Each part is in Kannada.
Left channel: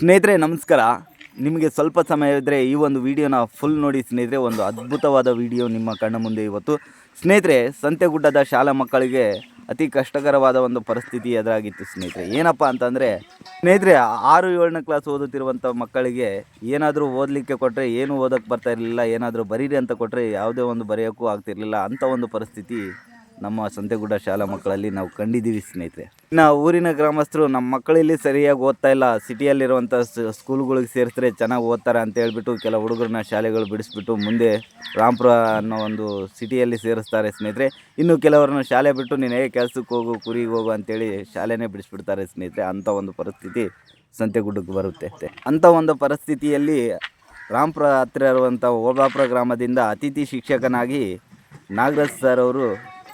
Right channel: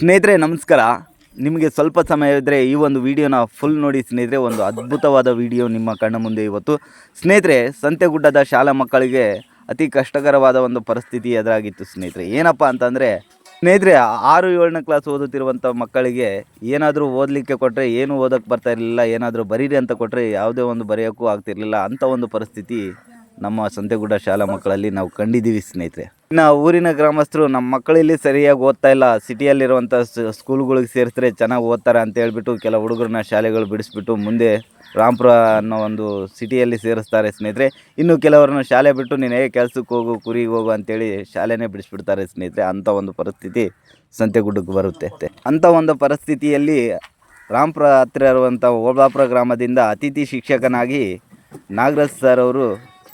ಸ್ನೇಹಿತರೆ ನಮಸ್ಕಾರ. ನಿಮಗೆ ಸ್ವಲ್ಪ ಸಮಯ ಇದ್ದರೆ ಈ ಒಂದು ವಿಡಿಯೋನ ಫುಲ್ ನೋಡಿ ಸ್ನೇಹಿತರೆ. ಒಂದು ಅದ್ಭುತವಾದ ವಿಡಿಯೋ ನಿಮ್ಮ ಕಣ್ಣ ಮುಂದೆ ಇವತ್ತು. ಸ್ನೇಹಿತರೆ, ಸಂತೆಗುಡ್ಡದ ಶಾಲಾ ಮಕ್ಕಳಿಗೆ ಅತಿ ಕಷ್ಟಕರವಾದ ಒಂದು ಪರಿಸ್ಥಿತಿ ಎದುರಾಗಿತ್ತು ಸ್ನೇಹಿತರೆ. ಏನಪ್ಪ ಅಂತಂದರೆ ಸ್ನೇಹಿತರೆ, 6-7ನೇ ಕ್ಲಾಸ್ ಓದುತ್ತಿರುವಂಥ ಮಕ್ಕಳಿಗೆ ಏನಾದರೂ ಓದಲಿಕ್ಕೆ ಕೊಟ್ಟರೆ ಏನು ಓದೋಕ್ಕೆ ಬರ್ತಾ ಇರಲಿಲ್ಲ. ಏನಾದರೂ ಬರೀರಿ ಅಂತ ಕೊಟ್ಟರೆ ಯಾವುದೇ ಒಂದು ಬರೆಯೋಕ್ಕೂ ಆಗ್ತಿರಲಿಲ್ಲ. ಅಂಥ ಒಂದು ಪರಿಸ್ಥಿತಿ ನಮ್ಮ ಸಂತೆಗುಡ್ಡ ಶಾಲಾ ಮಕ್ಕಳಲ್ಲಿ ನಾವು ಕಂಡಿದ್ದೀವಿ ಸ್ನೇಹಿತರೆ. ಇನ್ನು ಊರಿನ ಗ್ರಾಮಸ್ಥರು ನಮ್ಮ ಮಕ್ಕಳಲ್ಲಿ ಸರಿಯಾಗಿ ಓದ್ತಾ ಇಲ್ಲ, ಸಿಟಿಯಲ್ಲಿರುವಂಥ ಸ್ಕೂಲ್ಗಳಿಗೆ ಸೇರಿಸಿದ್ರೆ ಚೆನ್ನಾಗಿ ಓದ್ತಾರೆ ಅಂತ ಹೇಳ್ಬಿಟ್ಟು ಕೆಲ ಹುಡುಗರನ್ನ ಶಾಲೆಗಳು ಬಿಡಿಸ್ಬಿಟ್ಟು ಮುಂದೆ ರಾಂಪುರ ಅನ್ನೋ ಒಂದು ಸಿಟಿಯಲ್ಲಿ ಸೇರಿಸ್ತಾರೆ ಸ್ನೇಹಿತರೆ. ಇನ್ನು ಕೆಲವರನ್ನು ಶಾಲೆ ಬಿಟ್ಟು ನೀನು ಕೆಲಸಕ್ಕೆ ಹೋಗು, ಕುರಿಗೆ ಹೋಗು ಅಂತೇಳಿ ಶಾಲೆನೇ ಬಿಡಿಸ್ಬಿಡ್ತಾರೆ ಸ್ನೇಹಿತರೆ. ಅಂಥ ಒಂದು ಪರಿಸ್ಥಿತಿ ಸಂತೆಗುಡ್ಡಕ್ಕೆ ಬರುತ್ತೆ. ಅಂಥ ಒಂದು ಪರಿಸ್ಥಿತಿಯಲ್ಲಿ ರಾಂಪುರ ಹತ್ತಿರ ಇರುವಂಥ ಓಬಳಾಪುರ ಗ್ರಾಮದಿಂದ ಅತಿಥಿ ಶಿಕ್ಷಕನಾಗಿ ನಾಗರಾಜ್ ಸರ್ ಅವರು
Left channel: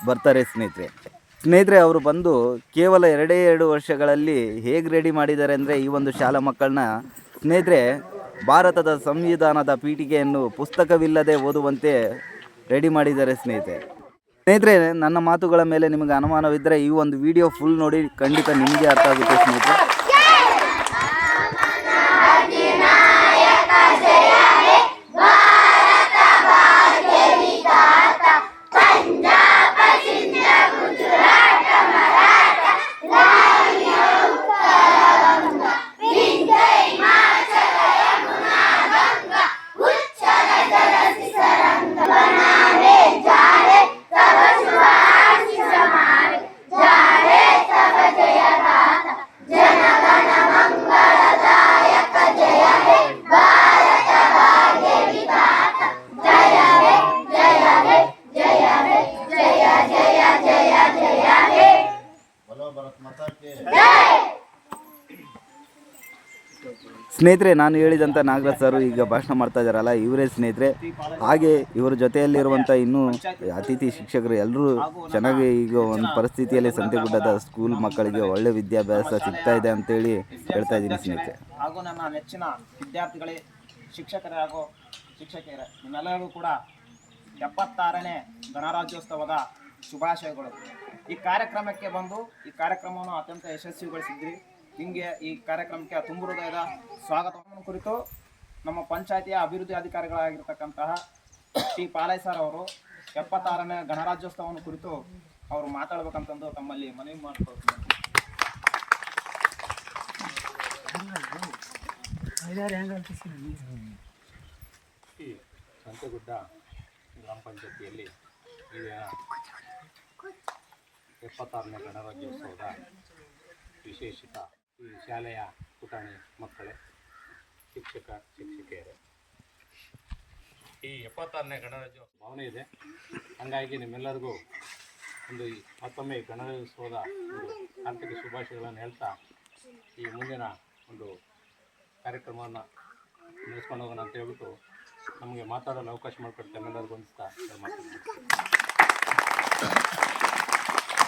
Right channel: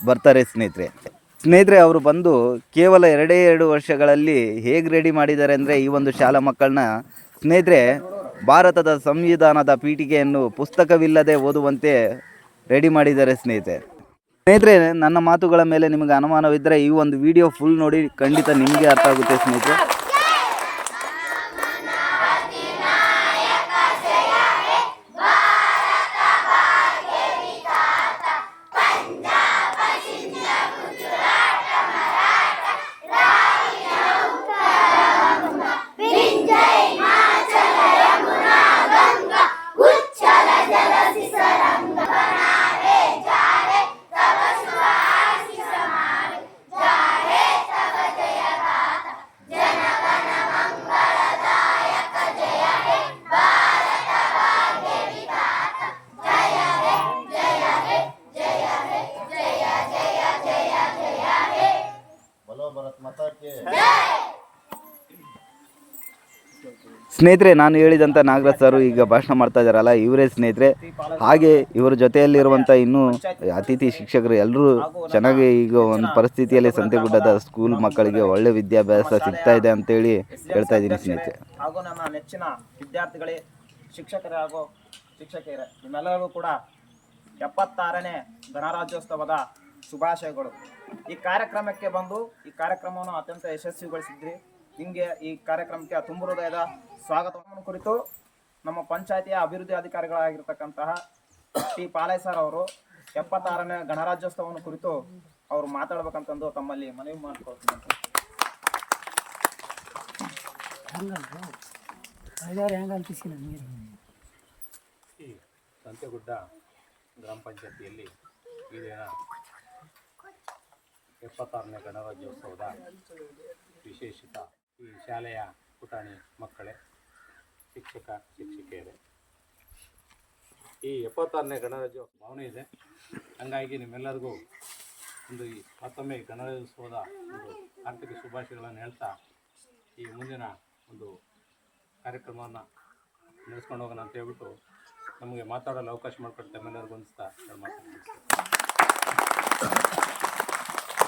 ಬರ್ತಾರೆ ಸ್ನೇಹಿತರೆ. ಅವರು ಬಂದು ಕೇವಲ 2 ವರ್ಷಗಳಲ್ಲಿ ಹೇಗೆ ರೆಡಿ ಮಾಡಿದ್ದಾರೆ ಅಂದರೆ ಈ ಒಂದು ಶಾಲಾ ಮಕ್ಕಳನ್ನ ಸ್ನೇಹಿತರೆ ಭಾರತದ ಸಂವಿಧಾನದ ಪೀಠಿಕೆಯನ್ನು ಪುಸ್ತಕವಿಲ್ಲದೆ ಓದುವಂತೆ ರೆಡಿ ಮಾಡಿದ್ದಾರೆ ಸ್ನೇಹಿತರೆ. ನನ್ನ ಮಾತುಗಳ ಮೇಲೆ ನಿಮಗೆ ಅನುಮಾನವಿದ್ದರೆ ಈ ಒಂದು ವಿಡಿಯೋ ಫುಲ್ ನೋಡಿ, ಖಂಡಿತ ನಿಮಗೆ ಅರ್ಥ ಆಗುತ್ತೆ ಸ್ನೇಹಿತರೆ. ಸ್ನೇಹಿತರೆ, ನಾನು ಹೇಳಿದಂಥ ನಾಗರಾಜ್ ಸರ್ ಈಗ ಭಾಷಣ ಮಾಡ್ತಾ ಇದ್ದಾರಲ್ಲ, ಇವರೇ ಸ್ನೇಹಿತರೆ. ಹಾಗೆ ಇವರ ಜೊತೆಯಲ್ಲಿರುವಂಥ ಇನ್ನೂ ಅತಿಥಿ ಶಿಕ್ಷಕರು ಎಲ್ಲರೂ ಚೆನ್ನಾಗಿ ಈಗ ಒಂದು ಪರಿಸ್ಥಿತಿಯಲ್ಲಿ ಸಂತೆಗುಡ್ಡದ ಸ್ಕೂಲ್ ಮಕ್ಕಳಿಗೆ ಒಳ್ಳೆ ವಿದ್ಯಾಭ್ಯಾಸ ಸಿಗ್ತಾ ಇದೆ ಅಂತೇಳಿ ಹೇಳ್ತಾ ಇದ್ದೀನಿ ಸ್ನೇಹಿತರೆ. ಹಾಗೂ ನಮ್ಮ ನೆಚ್ಚಿನ ವಿದ್ಯಾರ್ಥಿಗಳೇ, ಶಿಕ್ಷಕರೇ ಹಾಗೂ ಶಿಕ್ಷಕಿಯರೇ, ನಿಮ್ಮೆಲ್ಲರಿಗೂ ಕೂಡ 76ನೇ ಗಣರಾಜ್ಯೋತ್ಸವದ ಶುಭಾಶಯಗಳು. ಈ ಕಾರ್ಯಕ್ರಮಕ್ಕೆ ಬಂದು ಈ ಕಾರ್ಯಕ್ರಮವನ್ನು ಅತ್ಯಂತ ಯಶಸ್ವಿಗೊಳಿಸಿದ್ರಿ. ನಿಮಗೆ ಈ ಕಾರ್ಯಕ್ರಮಕ್ಕೆ ತುಂಬ ಹೃದಯದ ಸ್ವಾಗತವನ್ನು ಕುರಿತು ನಮ್ಮ ಪಂಚಾಯತಿಯ ಅಭಿವೃದ್ಧಿ ಅಧಿಕಾರಿಗಳಾಗಿರ್ತಕ್ಕಂತಹ ಟಿ ಪಾಲಯ್ಯ ಸರ್ ಅವರು 76ನೇ ಗಣರಾಜ್ಯೋತ್ಸವವನ್ನು ಕುರಿತು ಅವರು ಮಾತಾಡಬೇಕಂತಂದು ತಮ್ಮಲ್ಲಿ ಮನವಿ ಮಾಡ್ಕೊಳ್ತೀನಿ. ಈ ಸಂತೆಗುಡ್ಡ ಗ್ರಾಮ ಪಂಚಾಯತಿಯಲ್ಲಿ ಈ ದಿನ 76ನೇ ಗಣರಾಜ್ಯೋತ್ಸವದ ವಿಶೇಷತ ಈ ಶಾಲೆಯ ಪುಟಾಣಿ ಮಕ್ಕಳೇ, ಶಿಕ್ಷಕಿಯರೇ, ಈ 76ನೇ ಗಣರಾಜ್ಯೋತ್ಸವ ಭಾವನೆ ಇದೆ. ಹಾಗಾಗಿ ನಿಮ್ಮೆಲ್ಲರಿಗೂ ಒಂದು ಮತ್ತೊಮ್ಮೆ ಗಣರಾಜ್ಯೋತ್ಸವದ ಒಂದು ಆರ್ಥಿಕ ಶುಭಾಶಯಗಳನ್ನು ಹೇಳ್ತಾ ಈ ಮುಂದಿನ ಒಂದು ಕಾರ್ಯಕ್ರಮವನ್ನು ನಡೆಸ್ಕೊಂಡು ಹೋಗೋಣ ಅಂತ ಹೇಳ್ಬಿಟ್ಟು ನಮಗೆ ಮಾತಾಡಲು ಅವಕಾಶ ಮಾಡಿಕೊಡ್ತಾ ನಿಮ್ಮೆಲ್ಲರಿಗೂ ಹೊಂದಿಸ್ತಾ ಮಾತಾಡ್ತೀನಿ.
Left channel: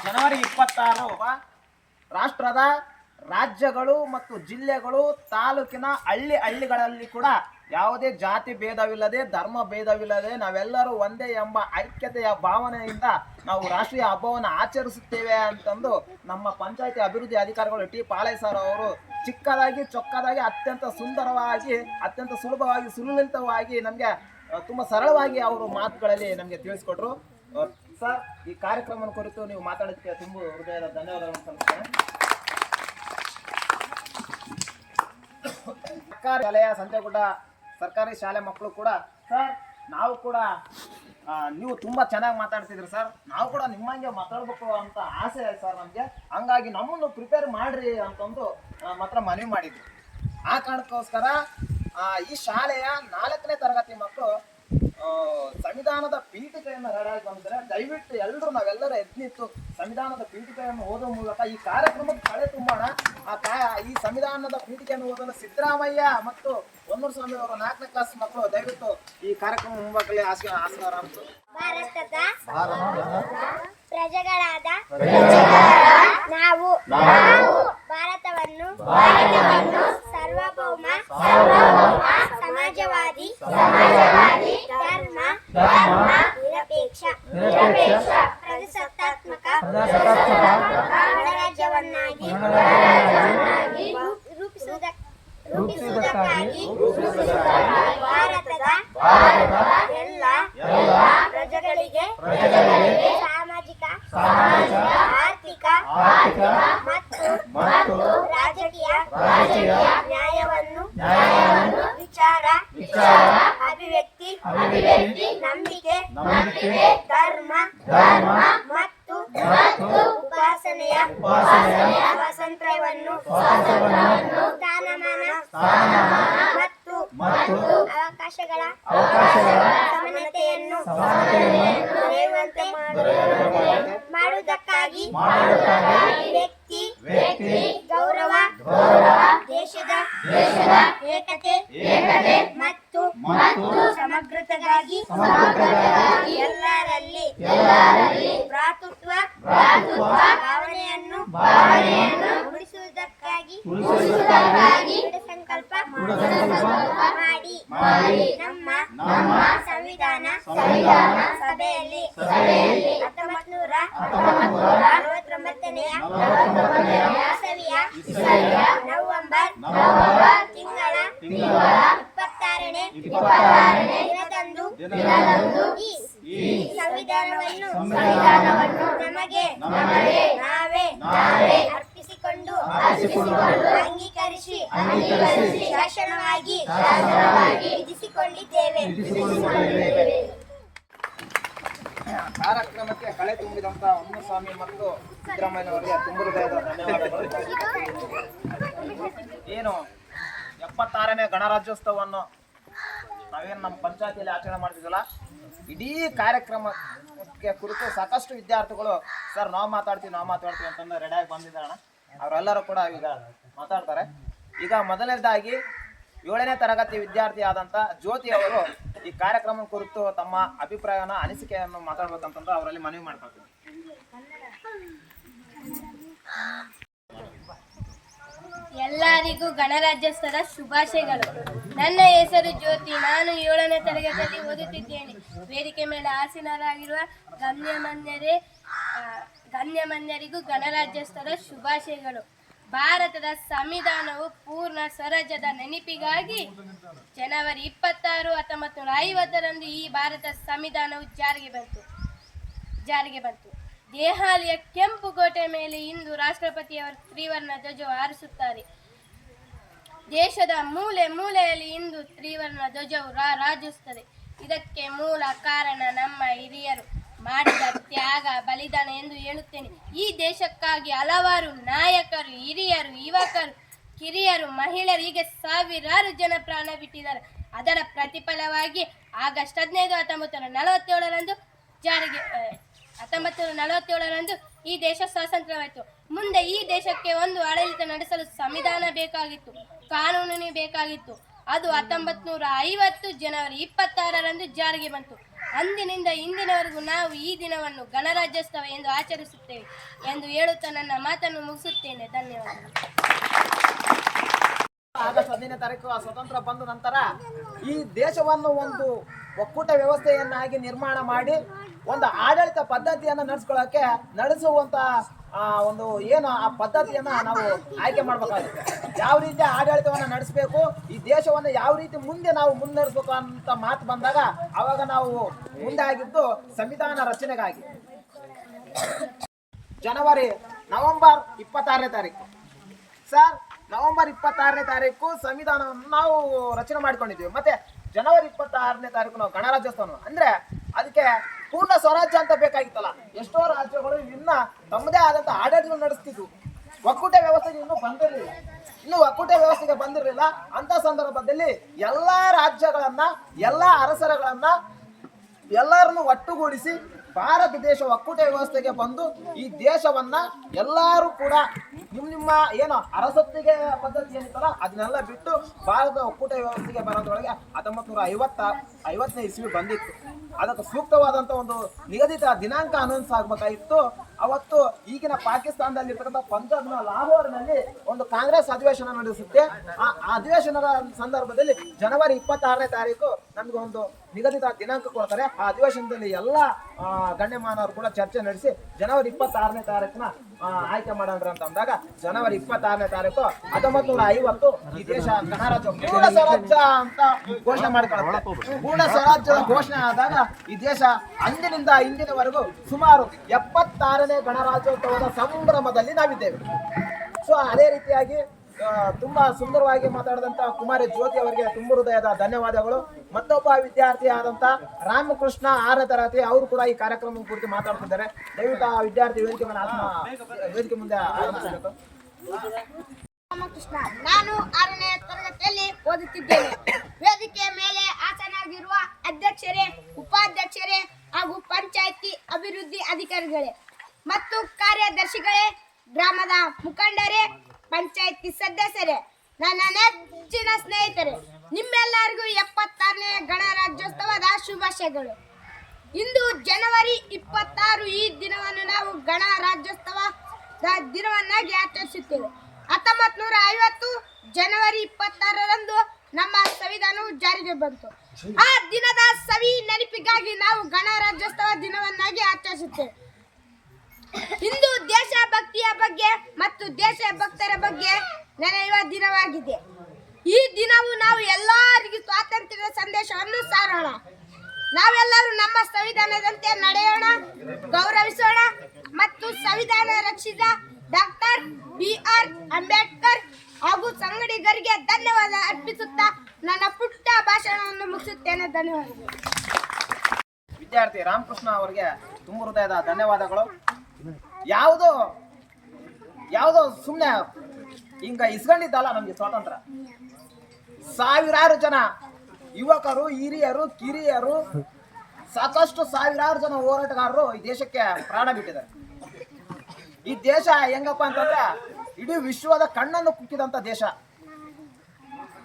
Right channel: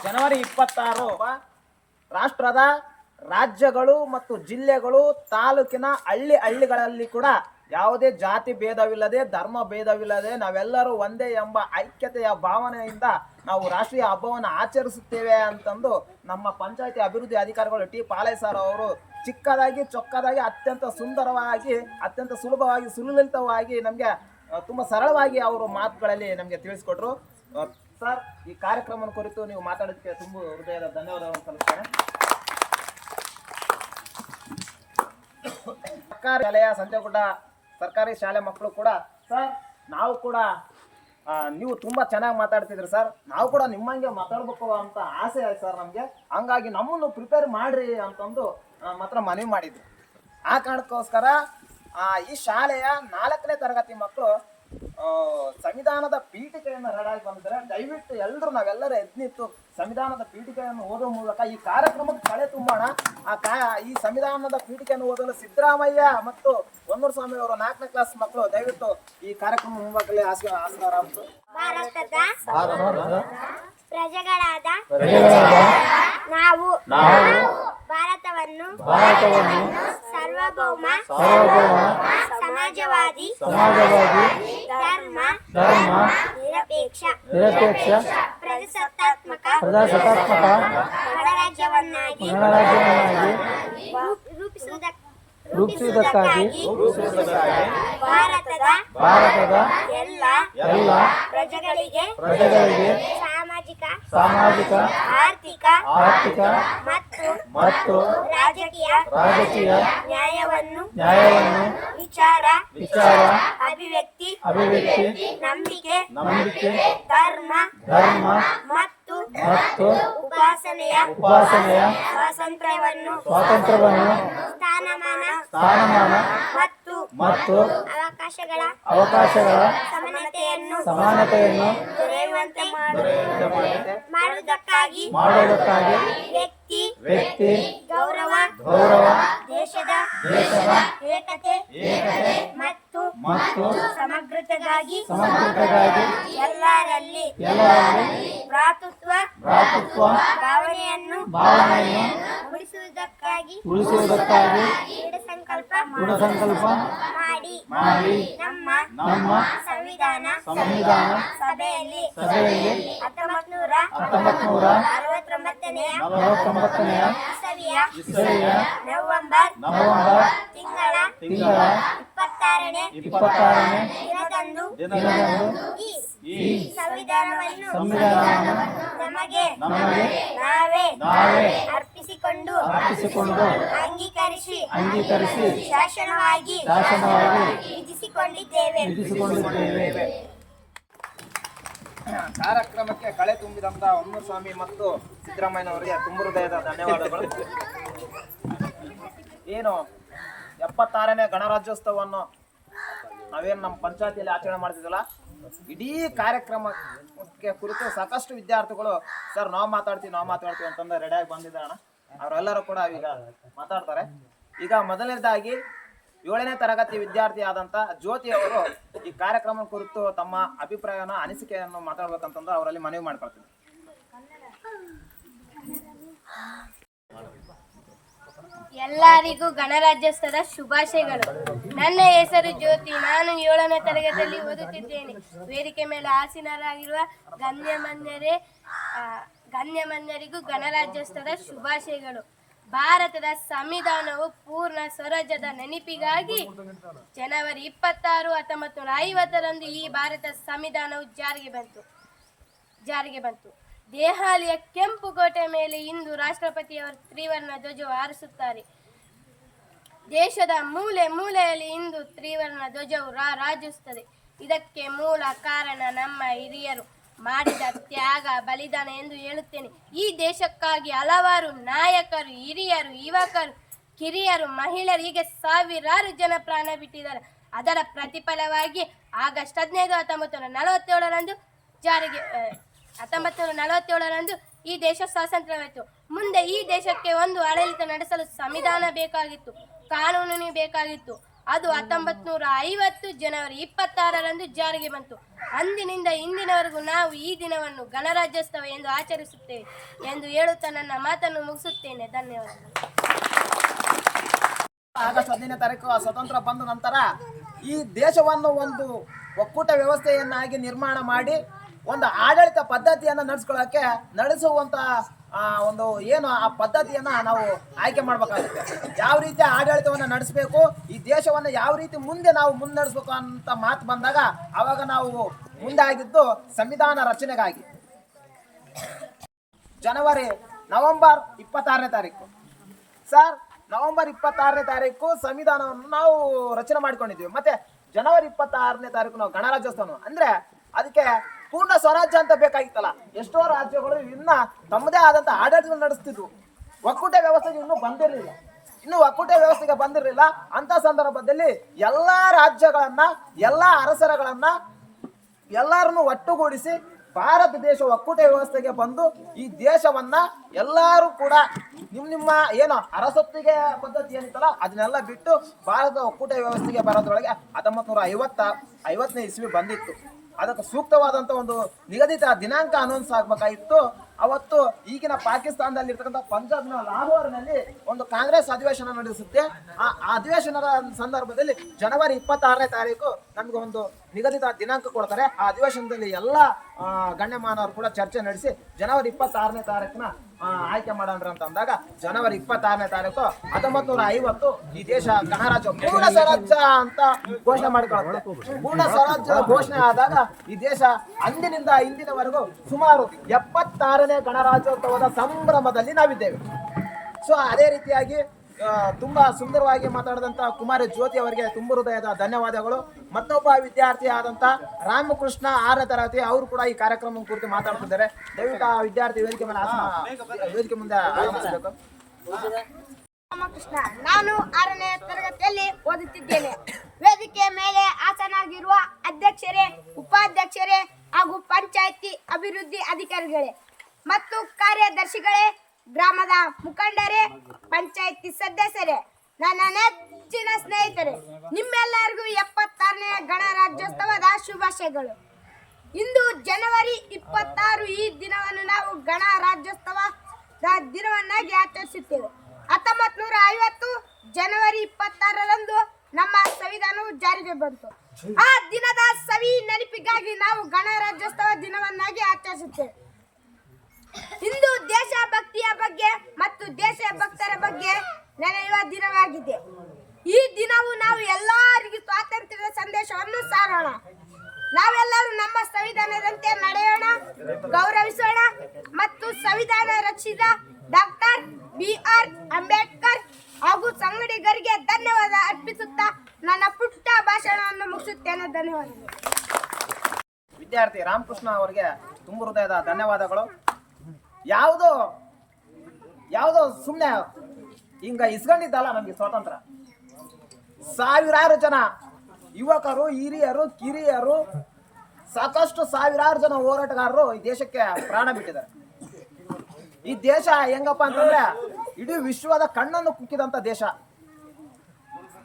ಜನವರಿ 26 ರಾಷ್ಟ್ರದ ರಾಜ್ಯಗಳು ಮತ್ತು ಜಿಲ್ಲೆಗಳು, ತಾಲೂಕಿನ ಹಳ್ಳಿಗಳಲ್ಲಿ ಕೂಡ ಯಾವುದೇ ಜಾತಿ ಭೇದವಿಲ್ಲದೆ, ಧರ್ಮ ಭೇದವಿಲ್ಲದೆ ನಾವೆಲ್ಲರೂ ಒಂದೇ ಎಂಬ ಐಕ್ಯತೆಯ ಭಾವನೆಯಿಂದ ನಾವು ರಾಷ್ಟ್ರೀಯ ಹಬ್ಬವನ್ನು ಆಚರಿಸುತ್ತೇವೆ ಅಂತಂದು ನಮ್ಮ ಪಂಚಾಯತಿ ಅಭಿವೃದ್ಧಿ ಅಧಿಕಾರಿಗಳು ಟಿ ಪಾಲಯ್ಯ ಸರ್ ಅವರು ಚಿಕ್ಕದಾಗಿ ಚೊಕ್ಕದಾಗಿ ಅತ್ಯಂತ ಸುಂದರವಾಗಿ, ಅತ್ಯಂತ ಸುಲಭವಾಗಿ, ಸುಲಲಿತವಾಗಿ, ನಮಗೆ ತುಂಬ ಸರಳವಾಗಿ ಅವರು ಮಾತುಗಳಲ್ಲಿ ನಮಗೆ ತಿಳಿಸ್ಕೊಟ್ರು. ಸರ್, ಈ ಕಾರ್ಯಕ್ರಮದ ಕುರಿತು ನೀವು ಮಾತಾಡೋದಕ್ಕೆ ತುಂಬ ಹೃದಯದ ಧನ್ಯವಾದಗಳನ್ನು ಸಲ್ಲಿಸ್ತೇನೆ. ಸರ್ಕಾರಿ ಶಾಲೆಯ ಸಂತೆಗುಡ್ಡ ಸರ್ಕಾರಿ ಶಾಲೆ ಮಕ್ಕಳು ಕೂಡ, ಸರ್ ನಾವು ಕೂಡ ನೀವು ತುಂಬ ಚೆನ್ನಾಗಿ ಮಾತಾಡ್ತಿದ್ರಿ ಸರ್, ನಾವು ಕೂಡ ನಿಮ್ಮಂಗೆ ಮಾತಾಡ್ಬೇಕು ಅಂತ ಆಸೆ ಆಯ್ತು ಸರ್ ನಮಗೆ. ಹಂಗಾಗಿ ನಮ್ಮನ್ನು ಪ್ರಿಪೇರ್ ಮಾಡ್ರಿ ಅಂತಂದು ಮಾತ್ರ ಮನವಿ ಮಾಡಿದ್ರು. ಆ ಕಾರಣಕ್ಕೋಸ್ಕರ ಈ ಶಾಲೆಯ 4ನೇ ತರಗತಿ ಮಕ್ಕಳು ಸಂವಿಧಾನದ ಪೀಠಿಕೆಯನ್ನು ರೆಡಿಯಾಗಿ ಬಂದಿದ್ದಾರೆ. ದಯವಿಟ್ಟು ನಾವೆಲ್ಲರೂ ಎದ್ನಿತ್ತು ಸಂವಿಧಾನದ ಪೀಠಿಕೆಯನ್ನು ಓದುವ ಮೂಲಕ ಈ ಕಾರ್ಯಕ್ರಮಕ್ಕೆ ಕಳೆ ತುಂಬೋಣ. ಈ ಸಂವಿಧಾನದ ಪೀಠಿಕೆಯನ್ನು ಓದಲು ಸಿದ್ದರಾಮಯ್ಯ ಮತ್ತು ಹೊನ್ನೂರು ಸ್ವಾಮಿ ಅವರು 4ನೇ ಕ್ಲಾಸ್ ಮಕ್ಕಳು ದಯವಿಟ್ಟು ಈ ಕಾರ್ಯಕ್ರಮ ಮುಂಬಾಗಲೇ ಆಸ್ಕಾರ. ಭಾರತದ ಪ್ರಜೆಗಳಾದ ನಾವು ಭಾರತವನ್ನು ಸಾರ್ವಭೌಮ ಸಮಾಜವಾದಿ ಧರ್ಮ ನಿರಪೇಕ್ಷ ಪ್ರಜಾಸತ್ತಾತ್ಮಕ ಗಣರಾಜ್ಯವನ್ನಾಗಿ ರೂಪಿಸುವುದಕ್ಕೆ ರೂಪಿಸುವುದಕ್ಕಾಗಿ ಭಾರತದ ಎಲ್ಲ ಪ್ರಜೆಗಳಿಗೆ ಸಾಮಾಜಿಕ ಆರ್ಥಿಕ ಮತ್ತು ರಾಜಕೀಯ ನ್ಯಾಯವನ್ನು ವಿಚಾರ ಅಭಿವ್ಯಕ್ತಿ ನಂಬಿಕೆ ಧರ್ಮ ಮತ್ತು ಉಪಾಸನೆಯ ಸ್ವಾತಂತ್ರ್ಯವನ್ನು ಸ್ಥಾನಮಾನ ಮತ್ತು ಅವಕಾಶಗಳ ಸಮಾನತೆಯನ್ನು ದೊರೆಯುವಂತೆ ಮಾಡುವುದಕ್ಕಾಗಿ ವ್ಯಕ್ತಿ ಗೌರವ ದೇಶದ ಏಕತೆ ಮತ್ತು ಸಮಗ್ರತೆಗಾಗಿ ಎಲ್ಲರಲ್ಲಿ ಭ್ರಾತೃತ್ವ ಭಾವನೆಯನ್ನು ಉಳಿಸುವುದಕ್ಕಾಗಿ ದೃಢ ಸಂಕಲ್ಪ ಮಾಡಿ ನಮ್ಮ ಸಂವಿಧಾನ ಸಭೆಯಲ್ಲಿ 1969ನೇ ಇಸವಿಯ ನವೆಂಬರ್ ತಿಂಗಳ 26ನೇ ದಿನದಂದು ಈ ಸಂವಿಧಾನವನ್ನು ನಮಗೆ ನಾವೇ ಅರ್ಪಿಸಿಕೊಂಡು ಅಂಗೀಕರಿಸಿ ಶಾಸನವಾಗಿ ವಿಧಿಸಿಕೊಂಡಿದ್ದೇವೆ. ಕಾರ್ಯಕ್ರಮಕ್ಕೆ ಕಳೆ ತುಂಬಿದಂತ ಸ್ವಾಮಿ ಮತ್ತು ಸಿದ್ದರಾಮಯ್ಯನವರಿಗೆ ತುಂಬ ಹೃದಯದ ಧನ್ಯವಾದಗಳು. ಏನು 76ನೇ ಗಣರಾಜ್ಯೋತ್ಸವವನ್ನು ನಾವೇನು ನಮ್ಮ ಪಂಚಾಯತಿಯಲ್ಲಿ ಆಚರಣೆ ಮಾಡ್ತಿದ್ವಲ್ಲ, ಇಡೀ ಕಾರ್ಯಕ್ರಮಕ್ಕೆ ಕುರಿತು ಸಾಕಷ್ಟು ವಿದ್ಯಾರ್ಥಿಗಳು ಸರ್ ನಾವು ಮಾತಾಡ್ತೀವಿ ಅಂತಂದ್ರೆ ರೆಡಿಯಾಗಿ ಬಂದಿದ್ದಾರಣ. ಅವರೆಲ್ಲರೂ ಕೂಡ ಈಗ ಮಾತಾಡ್ತಾರೆ. ಈಗ ಮೊದಲನೇದಾಗಿ 7ನೇ ತರಗತಿ ವಿದ್ಯಾರ್ಥಿ ಆದಂಥ ಜ್ಯೋತಿ ಅವರು ಈ ಕಾರ್ಯಕ್ರಮ ಕುರಿತು ತಮ್ಮ ಅಭಿಪ್ರಾಯನ ಅನಿಸಿಕೆಯನ್ನು ಮಾತಾಡ್ಬೇಕಂತಂದ್ರೆ ಅವರಲ್ಲಿ ಮನವಿ ಮಾಡ್ಕೊಳ್ತೀನಿ. ಎಲ್ಲರಿಗೂ ಗಣರಾಜ್ಯೋತ್ಸವದ ಶುಭಾಶಯಗಳು. ನನ್ನ ಹೆಸರು ಜ್ಯೋತಿ. ನಾನು 7ನೇ ತರಗತಿಯಲ್ಲಿ ಓದುತ್ತಿದ್ದೇನೆ. ವೇದಿಕೆ ಮೇಲೆ ಆಸೀನರಾಗಿರುವ ಗಣ್ಯಮಾನ್ಯರಿಗೂ ಗಣರಾಜ್ಯೋತ್ಸವದ ಶುಭಾಶಯಗಳು. ಭಾರತದ ಸಂವಿಧಾನವು ಪೂರ್ಣ ಸ್ವರಾಜ್ಯದ ನೆನಪಿಗಾಗಿ ಜನವರಿ 26, 1950ರಂದು ಈ ಭಾರತ ಸಂವಿಧಾನವು ಜಾರಿಗೆ ಬಂತು. ದೆಹಲಿಯ ಕೆಂಪು ಕೋಟೆ ಮೇಲೆ ಇಂದು ರಾಷ್ಟ್ರಪತಿಯವರು ತ್ರಿವರ್ಣ ಧ್ವಜ ಹಾರಿಸುತ್ತಾರೆ. ದೇಶದ ಮೂಲೆ ಮೂಲೆಯಲ್ಲಿ ಇಂದು ತ್ರಿವರ್ಣ ಧ್ವಜವು ರಾರಾಜಿಸುತ್ತದೆ. ಇದಕ್ಕೆ ಮೂಲ ಕಾರಣ ನಮ್ಮ ಹಿರಿಯರು ಮಾಡಿದ ತ್ಯಾಗ, ಬಲಿದಾನ ಎಂದು ಹೇಳುತ್ತೇನೆ. ಈ ದೇಶಕ್ಕಾಗಿ ಹಲವಾರು ನಾಯಕರು, ಹಿರಿಯರು, ಯುವಕರು, ಕಿರಿಯರು, ಮಹಿಳೆಯರು ಹೀಗೆ ಸಾವಿರಾರು ಜನ ಪ್ರಾಣ ಬಿಟ್ಟಿದ್ದಾರೆ. ಅದರ ಪ್ರತಿಫಲವಾಗಿ ಆಗಸ್ಟ್ 15, 1947ರಂದು ಈ ದೇಶ ಸ್ವಾತಂತ್ರ್ಯವಾಯಿತು. ಮುಂದೆ ಈ ದೇಶಕ್ಕೆ ಒಂದು ಆಡಳಿತ ನಡೆಸಲು ಸಂವಿಧಾನ ಬೇಕಾಗಿತ್ತು, ಕಾನೂನು ಬೇಕಾಗಿತ್ತು. ಅದು 1950 ಜನವರಿ 26ರಂದು ಜಾರಿಗೆ ಬಂತು. ಅಂದಿನಿಂದ ಇಂದಿನವರೆಗೂ ನಾವು ಈ ದಿನವನ್ನು ಗಣರಾಜ್ಯೋತ್ಸವ ಎಂದು ಆಚರಿಸುತ್ತೇವೆ ಎಂದು ಹೇಳುತ್ತಾ ನನ್ನ ಮಾತನ್ನು ಮುಗಿಸುತ್ತೇನೆ. ಧನ್ಯವಾದಗಳು. ಆಗಸ್ಟ್ 15ನೇ ತಾರೀಕು ಸ್ವತಂತ್ರ ಬಂದ ನಂತರ ಈ ದೇಶವನ್ನು ಒಂದು ಒಕ್ಕೂಟ ವ್ಯವಸ್ಥೆಯನ್ನಾಗಿ ನಿರ್ಮಾಣ ಮಾಡಿ ಒಂದು ಆಡಳಿತ ಪದ್ಧತಿಯನ್ನು ನಡೆಸುವಂತ ಒಂದು ಏನು ಆ ಪದ್ಧತಿಯನ್ನು ನಾವು ಆಯ್ಕೆ ಮಾಡಬೇಕಾಗುತ್ತೆ. ಯಾವ ರೀತಿ ಆಡಳಿತವನ್ನು ನಡೆಸಬೇಕು, ಈ ದೇಶವನ್ನು ಯಾವ ರೀತಿ ಮುಂದೆ ನಾವು ಮುನ್ನಡೆಸಬೇಕು ಅಂತ ಮಾತು ಬಂದಾಗ ಆವಾಗ ನಾವು ಮುಂದೆ ಆಗಿದ್ದು ಸಂವಿಧಾನ ರಚನೆಗಾಗಿ. ನವೆಂಬರ್ 26ನೇ ತಾರೀಕು ಸರ್, ನವೆಂಬರ್ 26ನೇ ತಾರೀಕು ಸಂವಿಧಾನವನ್ನು ನಾವು ರಚನೆ ಮಾಡಿಕೊಂಡಿದ್ದೀವಿ. ಮತ್ತೆ ಜನವರಿ 26ನೇ ತಾರೀಕು ನಾವು ಗಣರಾಜ್ಯೋತ್ಸವ ಅಂದ್ರೆ ಅದಕ್ಕೆ ಪೂರ್ಣ ಸ್ವರಾಜ್ಯ ಅಂತ ಬೇಕಾಗಿತ್ತಲ್ಲ. ಎಷ್ಟೋ ರಾಜ್ಯಗಳು ಇನ್ನ ತಮ್ಮದೇ ಆದಂತ ಆಡಳಿತ ನಡೆಸ್ತಿದ್ವು. ಒಕ್ಕೂಟ ವ್ಯವಸ್ಥೆಗೆ ಇನ್ನೂ ಒಕ್ಕೂಟ ವ್ಯವಸ್ಥೆಗೆ ಬಂದಿರಲಿಲ್ಲ. ಅಂತ ಸಂದರ್ಭದಲ್ಲಿ ಎಲ್ಲಾ ರಾಜ್ಯಗಳನ್ನ, ಎಲ್ಲಾ ಅರಸರುಗಳನ್ನ ಎಲ್ಲರನ್ನು ಒಟ್ಟುಗೂಡಿಸಿ ಭಾರತ ದೇಶ ಒಕ್ಕೂಟ ವ್ಯವಸ್ಥೆಗೆ ಬಂದು ಈ ದೇಶವನ್ನ ಎಲ್ಲರೂ ಕೂಡ ನಿಮ್ಮ ಏನು ಅರಸೊತ್ತಿಗೆ ಪದ್ಧತಿ ಏನಿತ್ತಲ್ಲ ಅದನ್ನೆಲ್ಲ ಬಿಟ್ಟು ಭಾರತ ಒಕ್ಕೂಟ ವ್ಯವಸ್ಥೆಗೆ ಬರೋದ್ರೊಳಗೆ 1950ನೇ ಇಸ್ವಿ ಬಂದಿತ್ತು. ಅದಕ್ಕೆ ಸೂಕ್ತವಾದಂಥ ಒಂದು ನಿಗದಿತ ದಿನಾಂಕ ಅನೌನ್ಸ್ ಆಗಬೇಕಾಗಿತ್ತು. ಅವತ್ತು ಈಗಿನ ಪಾಕಿಸ್ತಾನದಲ್ಲಿರ್ತಕ್ಕಂಥ ಪಂಜಾಬ್ನ ಲಾಹೋರ್ನಲ್ಲಿ ಒಂದು ಕಾಂಗ್ರೆಸ್ ಅಧಿವೇಶನ ನಡೆಸುತ್ತೆ. ಆ ಅಧಿವೇಶನದ ಸಂದರ್ಭದಲ್ಲಿ ಜನವರಿ 26ನೇ ತಾರೀಕು ನಮಗೆ ಒಂದು ನಿಗದಿತ ದಿನಾಂಕ ಕೊಡ್ತಾರೆ. ಆ ಅಧಿವೇಶನದಲ್ಲಿ ಎಲ್ಲ ಗಣ್ಯಮಾನವರು ಕೂಡ ಚರ್ಚೆ ನಡೆಸಿ ಜನವರಿ 26ನೇ ತಾರೀಕಿನ ಆಯ್ಕೆ ಮಾಡೋಣ್ರಿ ಅಂತ ಅಂದಾಗ ಜನವರಿ 26ನೇ ತಾರೀಕು 1950 ಈ ದೇಶ ಗಣರಾಜ್ಯ ಪೂರ್ಣ ಸ್ವರಾಜ್ಯ ಅಂತ ಘೋಷಣೆ ಮಾಡಿಕೊಳ್ಳುತ್ತೆ. ಪೂರ್ಣ ಸ್ವರಾಜ್ಯದ ಘೋಷಣೆ ಆದಾಗ ಈ ದೇಶ ಅಂದಿನಿಂದ ಇಂದಿನವರೆಗೂ ಸುಮಾರು 76ನೇ ಗಣರಾಜ್ಯೋತ್ಸವದ ಸಂಭ್ರಮದಲ್ಲಿ ನಾವಿದ್ದೇವೆ. ಸೊ ಅದೇ ರೀತಿಯಾಗಿ ತುಂಬಾ ಸುಂದರವಾಗಿ ಮಾತಾಡಿದಂತ ಕುಮಾರಿ ಜ್ಯೋತಿ ಅವರಿಗೆ ತುಂಬ ಹೃದಯದ ಧನ್ಯವಾದಗಳು. ಮತ್ತೊಬ್ಬ ವಿದ್ಯಾರ್ಥಿ ಆದಂತ ರಾಮಕೃಷ್ಣ 6ನೇ ತರಗತಿ ಅವರು ಕೂಡ ಈ ಕಾರ್ಯಕ್ರಮ ಕುರಿತು ಮಾತಾಡ್ತಿದ್ದಾರೆ. ದಯವಿಟ್ಟು ಆ ವಿದ್ಯಾರ್ಥಿ ವೇದಿಕೆ ಮುಂದೆ ಆಗಮಿಸಬೇಕು. ರಾಮಕೃಷ್ಣ, ನಾನು 6ನೇ ತರಗತಿಯಲ್ಲಿ ಓದುತ್ತಿದ್ದೇನೆ. ವೇದಿಕೆಯ ಮೇಲೆ ಆಸನಾಗಿರುವ ಅಧ್ಯಕ್ಷರೇ, ಉಪಾಧ್ಯಕ್ಷರೇ ಹಾಗೂ ಪಂಚಾಯಿತಿ ಅಭಿವೃದ್ಧಿ ಅಧಿಕಾರಿಗಳೇ ಮತ್ತು ಕಾರ್ಯದರ್ಶಿಗಳೇ, ಗ್ರಾಮದ ಮುಖಂಡರೇ, ಪಂಚಾಯಿತಿ ಸದಸ್ಯರೇ, ನನ್ನ ನೆಚ್ಚಿನ ಸ್ನೇಹಿತರೆ, ನಿಮ್ಮೆಲ್ಲರಿಗೂ 76ನೇ ಗಣರಾಜ್ಯೋತ್ಸವದ ಶುಭಾಶಯಗಳು. ಇಂದು ಜನವರಿ 26 ಈ ದಿನವನ್ನು ನಾವು ಗಣರಾಜ್ಯೋತ್ಸವದ ದಿನವನ್ನಾಗಿ ಆಚರಿಸುತ್ತೇವೆ. 1950 ಜನವರಿ 26ರಂದು ನಮ್ಮ ಸಂವಿಧಾನವು ಜಾರಿಗೆ ಬಂತು. ಆ ದಿನದ ಸವಿ ನೆನಪಿಗಾಗಿ ನಾವು ಗಣರಾಜ್ಯೋತ್ಸವ ದಿನವನ್ನಾಗಿ ಆಚರಿಸುತ್ತೇವೆ. ಇಂದು ದೇಶಭಕ್ತಿಯ ಬಗ್ಗೆ ಮತ್ತು ದೇಶಭಕ್ತರ ಬಗ್ಗೆ ನೆನೆಯುವ ದಿನವಾಗಿದೆ. ಈ ದಿನವು ನಾವು ಎಲ್ಲರಿಗೂ ಸ್ವಾತಂತ್ರ್ಯದ ಸಂದೇಶವನ್ನು ಸಾರೋಣ. ನಾವೆಲ್ಲರೂ ನಮ್ಮ ಸಂವಿಧಾನದಂತೆ ನಡೆಯೋಣ, ಗೌರವಿಸೋಣ ಮತ್ತು ಸಂವಿಧಾನ ರಕ್ಷಿತ ಡಾಕ್ಟರ್ BR ಅಂಬೇಡ್ಕರ್ ಹಾಗೂ ಸಂಗಡಿಗರಿಗೆ ಧನ್ಯವಾದ ಅರ್ಪಿಸುತ್ತಾ ನನ್ನ ಪುಟ್ಟ ಭಾಷಣವನ್ನು ಮುಗಿಸುತ್ತೇನೆ. ಧನ್ಯವಾದಗಳು. ವಿದ್ಯಾರ್ಥಿ ರಾಮಕೃಷ್ಣ ಅವರಿಗೆ ತುಂಬ ಹೃದಯದ ಧನ್ಯವಾದಗಳು. ಯಾವುದೋ ಸುಮ್ಮನೆ ಹಿಂಗ ಇಸ್ಕೊಂಡಿದ್ದಲ್ಲ ನಮಗೆ ಸ್ವಾತಂತ್ರ್ಯ. ಸಾವಿರಾರು ಜನ ಯುವಕರು, ಹಿರಿಯರು, ಕಿರಿಯರು, ಸಾಕಷ್ಟು ಸಾವಿರಾರು ಜನ ಹೋರಾಟಗಾರರು ಈ ದೇಶಕ್ಕೆ ಪ್ರಾಣ ಬಿಟ್ಟಿದ್ದಾರೆ. ಈ ದೇಶ ಹೆಂಗಪ್ಪ ಅಂತಂದ್ರೆ ಇಡೀ ವಿಶ್ವದ ಕಣ್ಣನ್ನು ಕುಕ್ಕಿದಂತ ದೇಶ.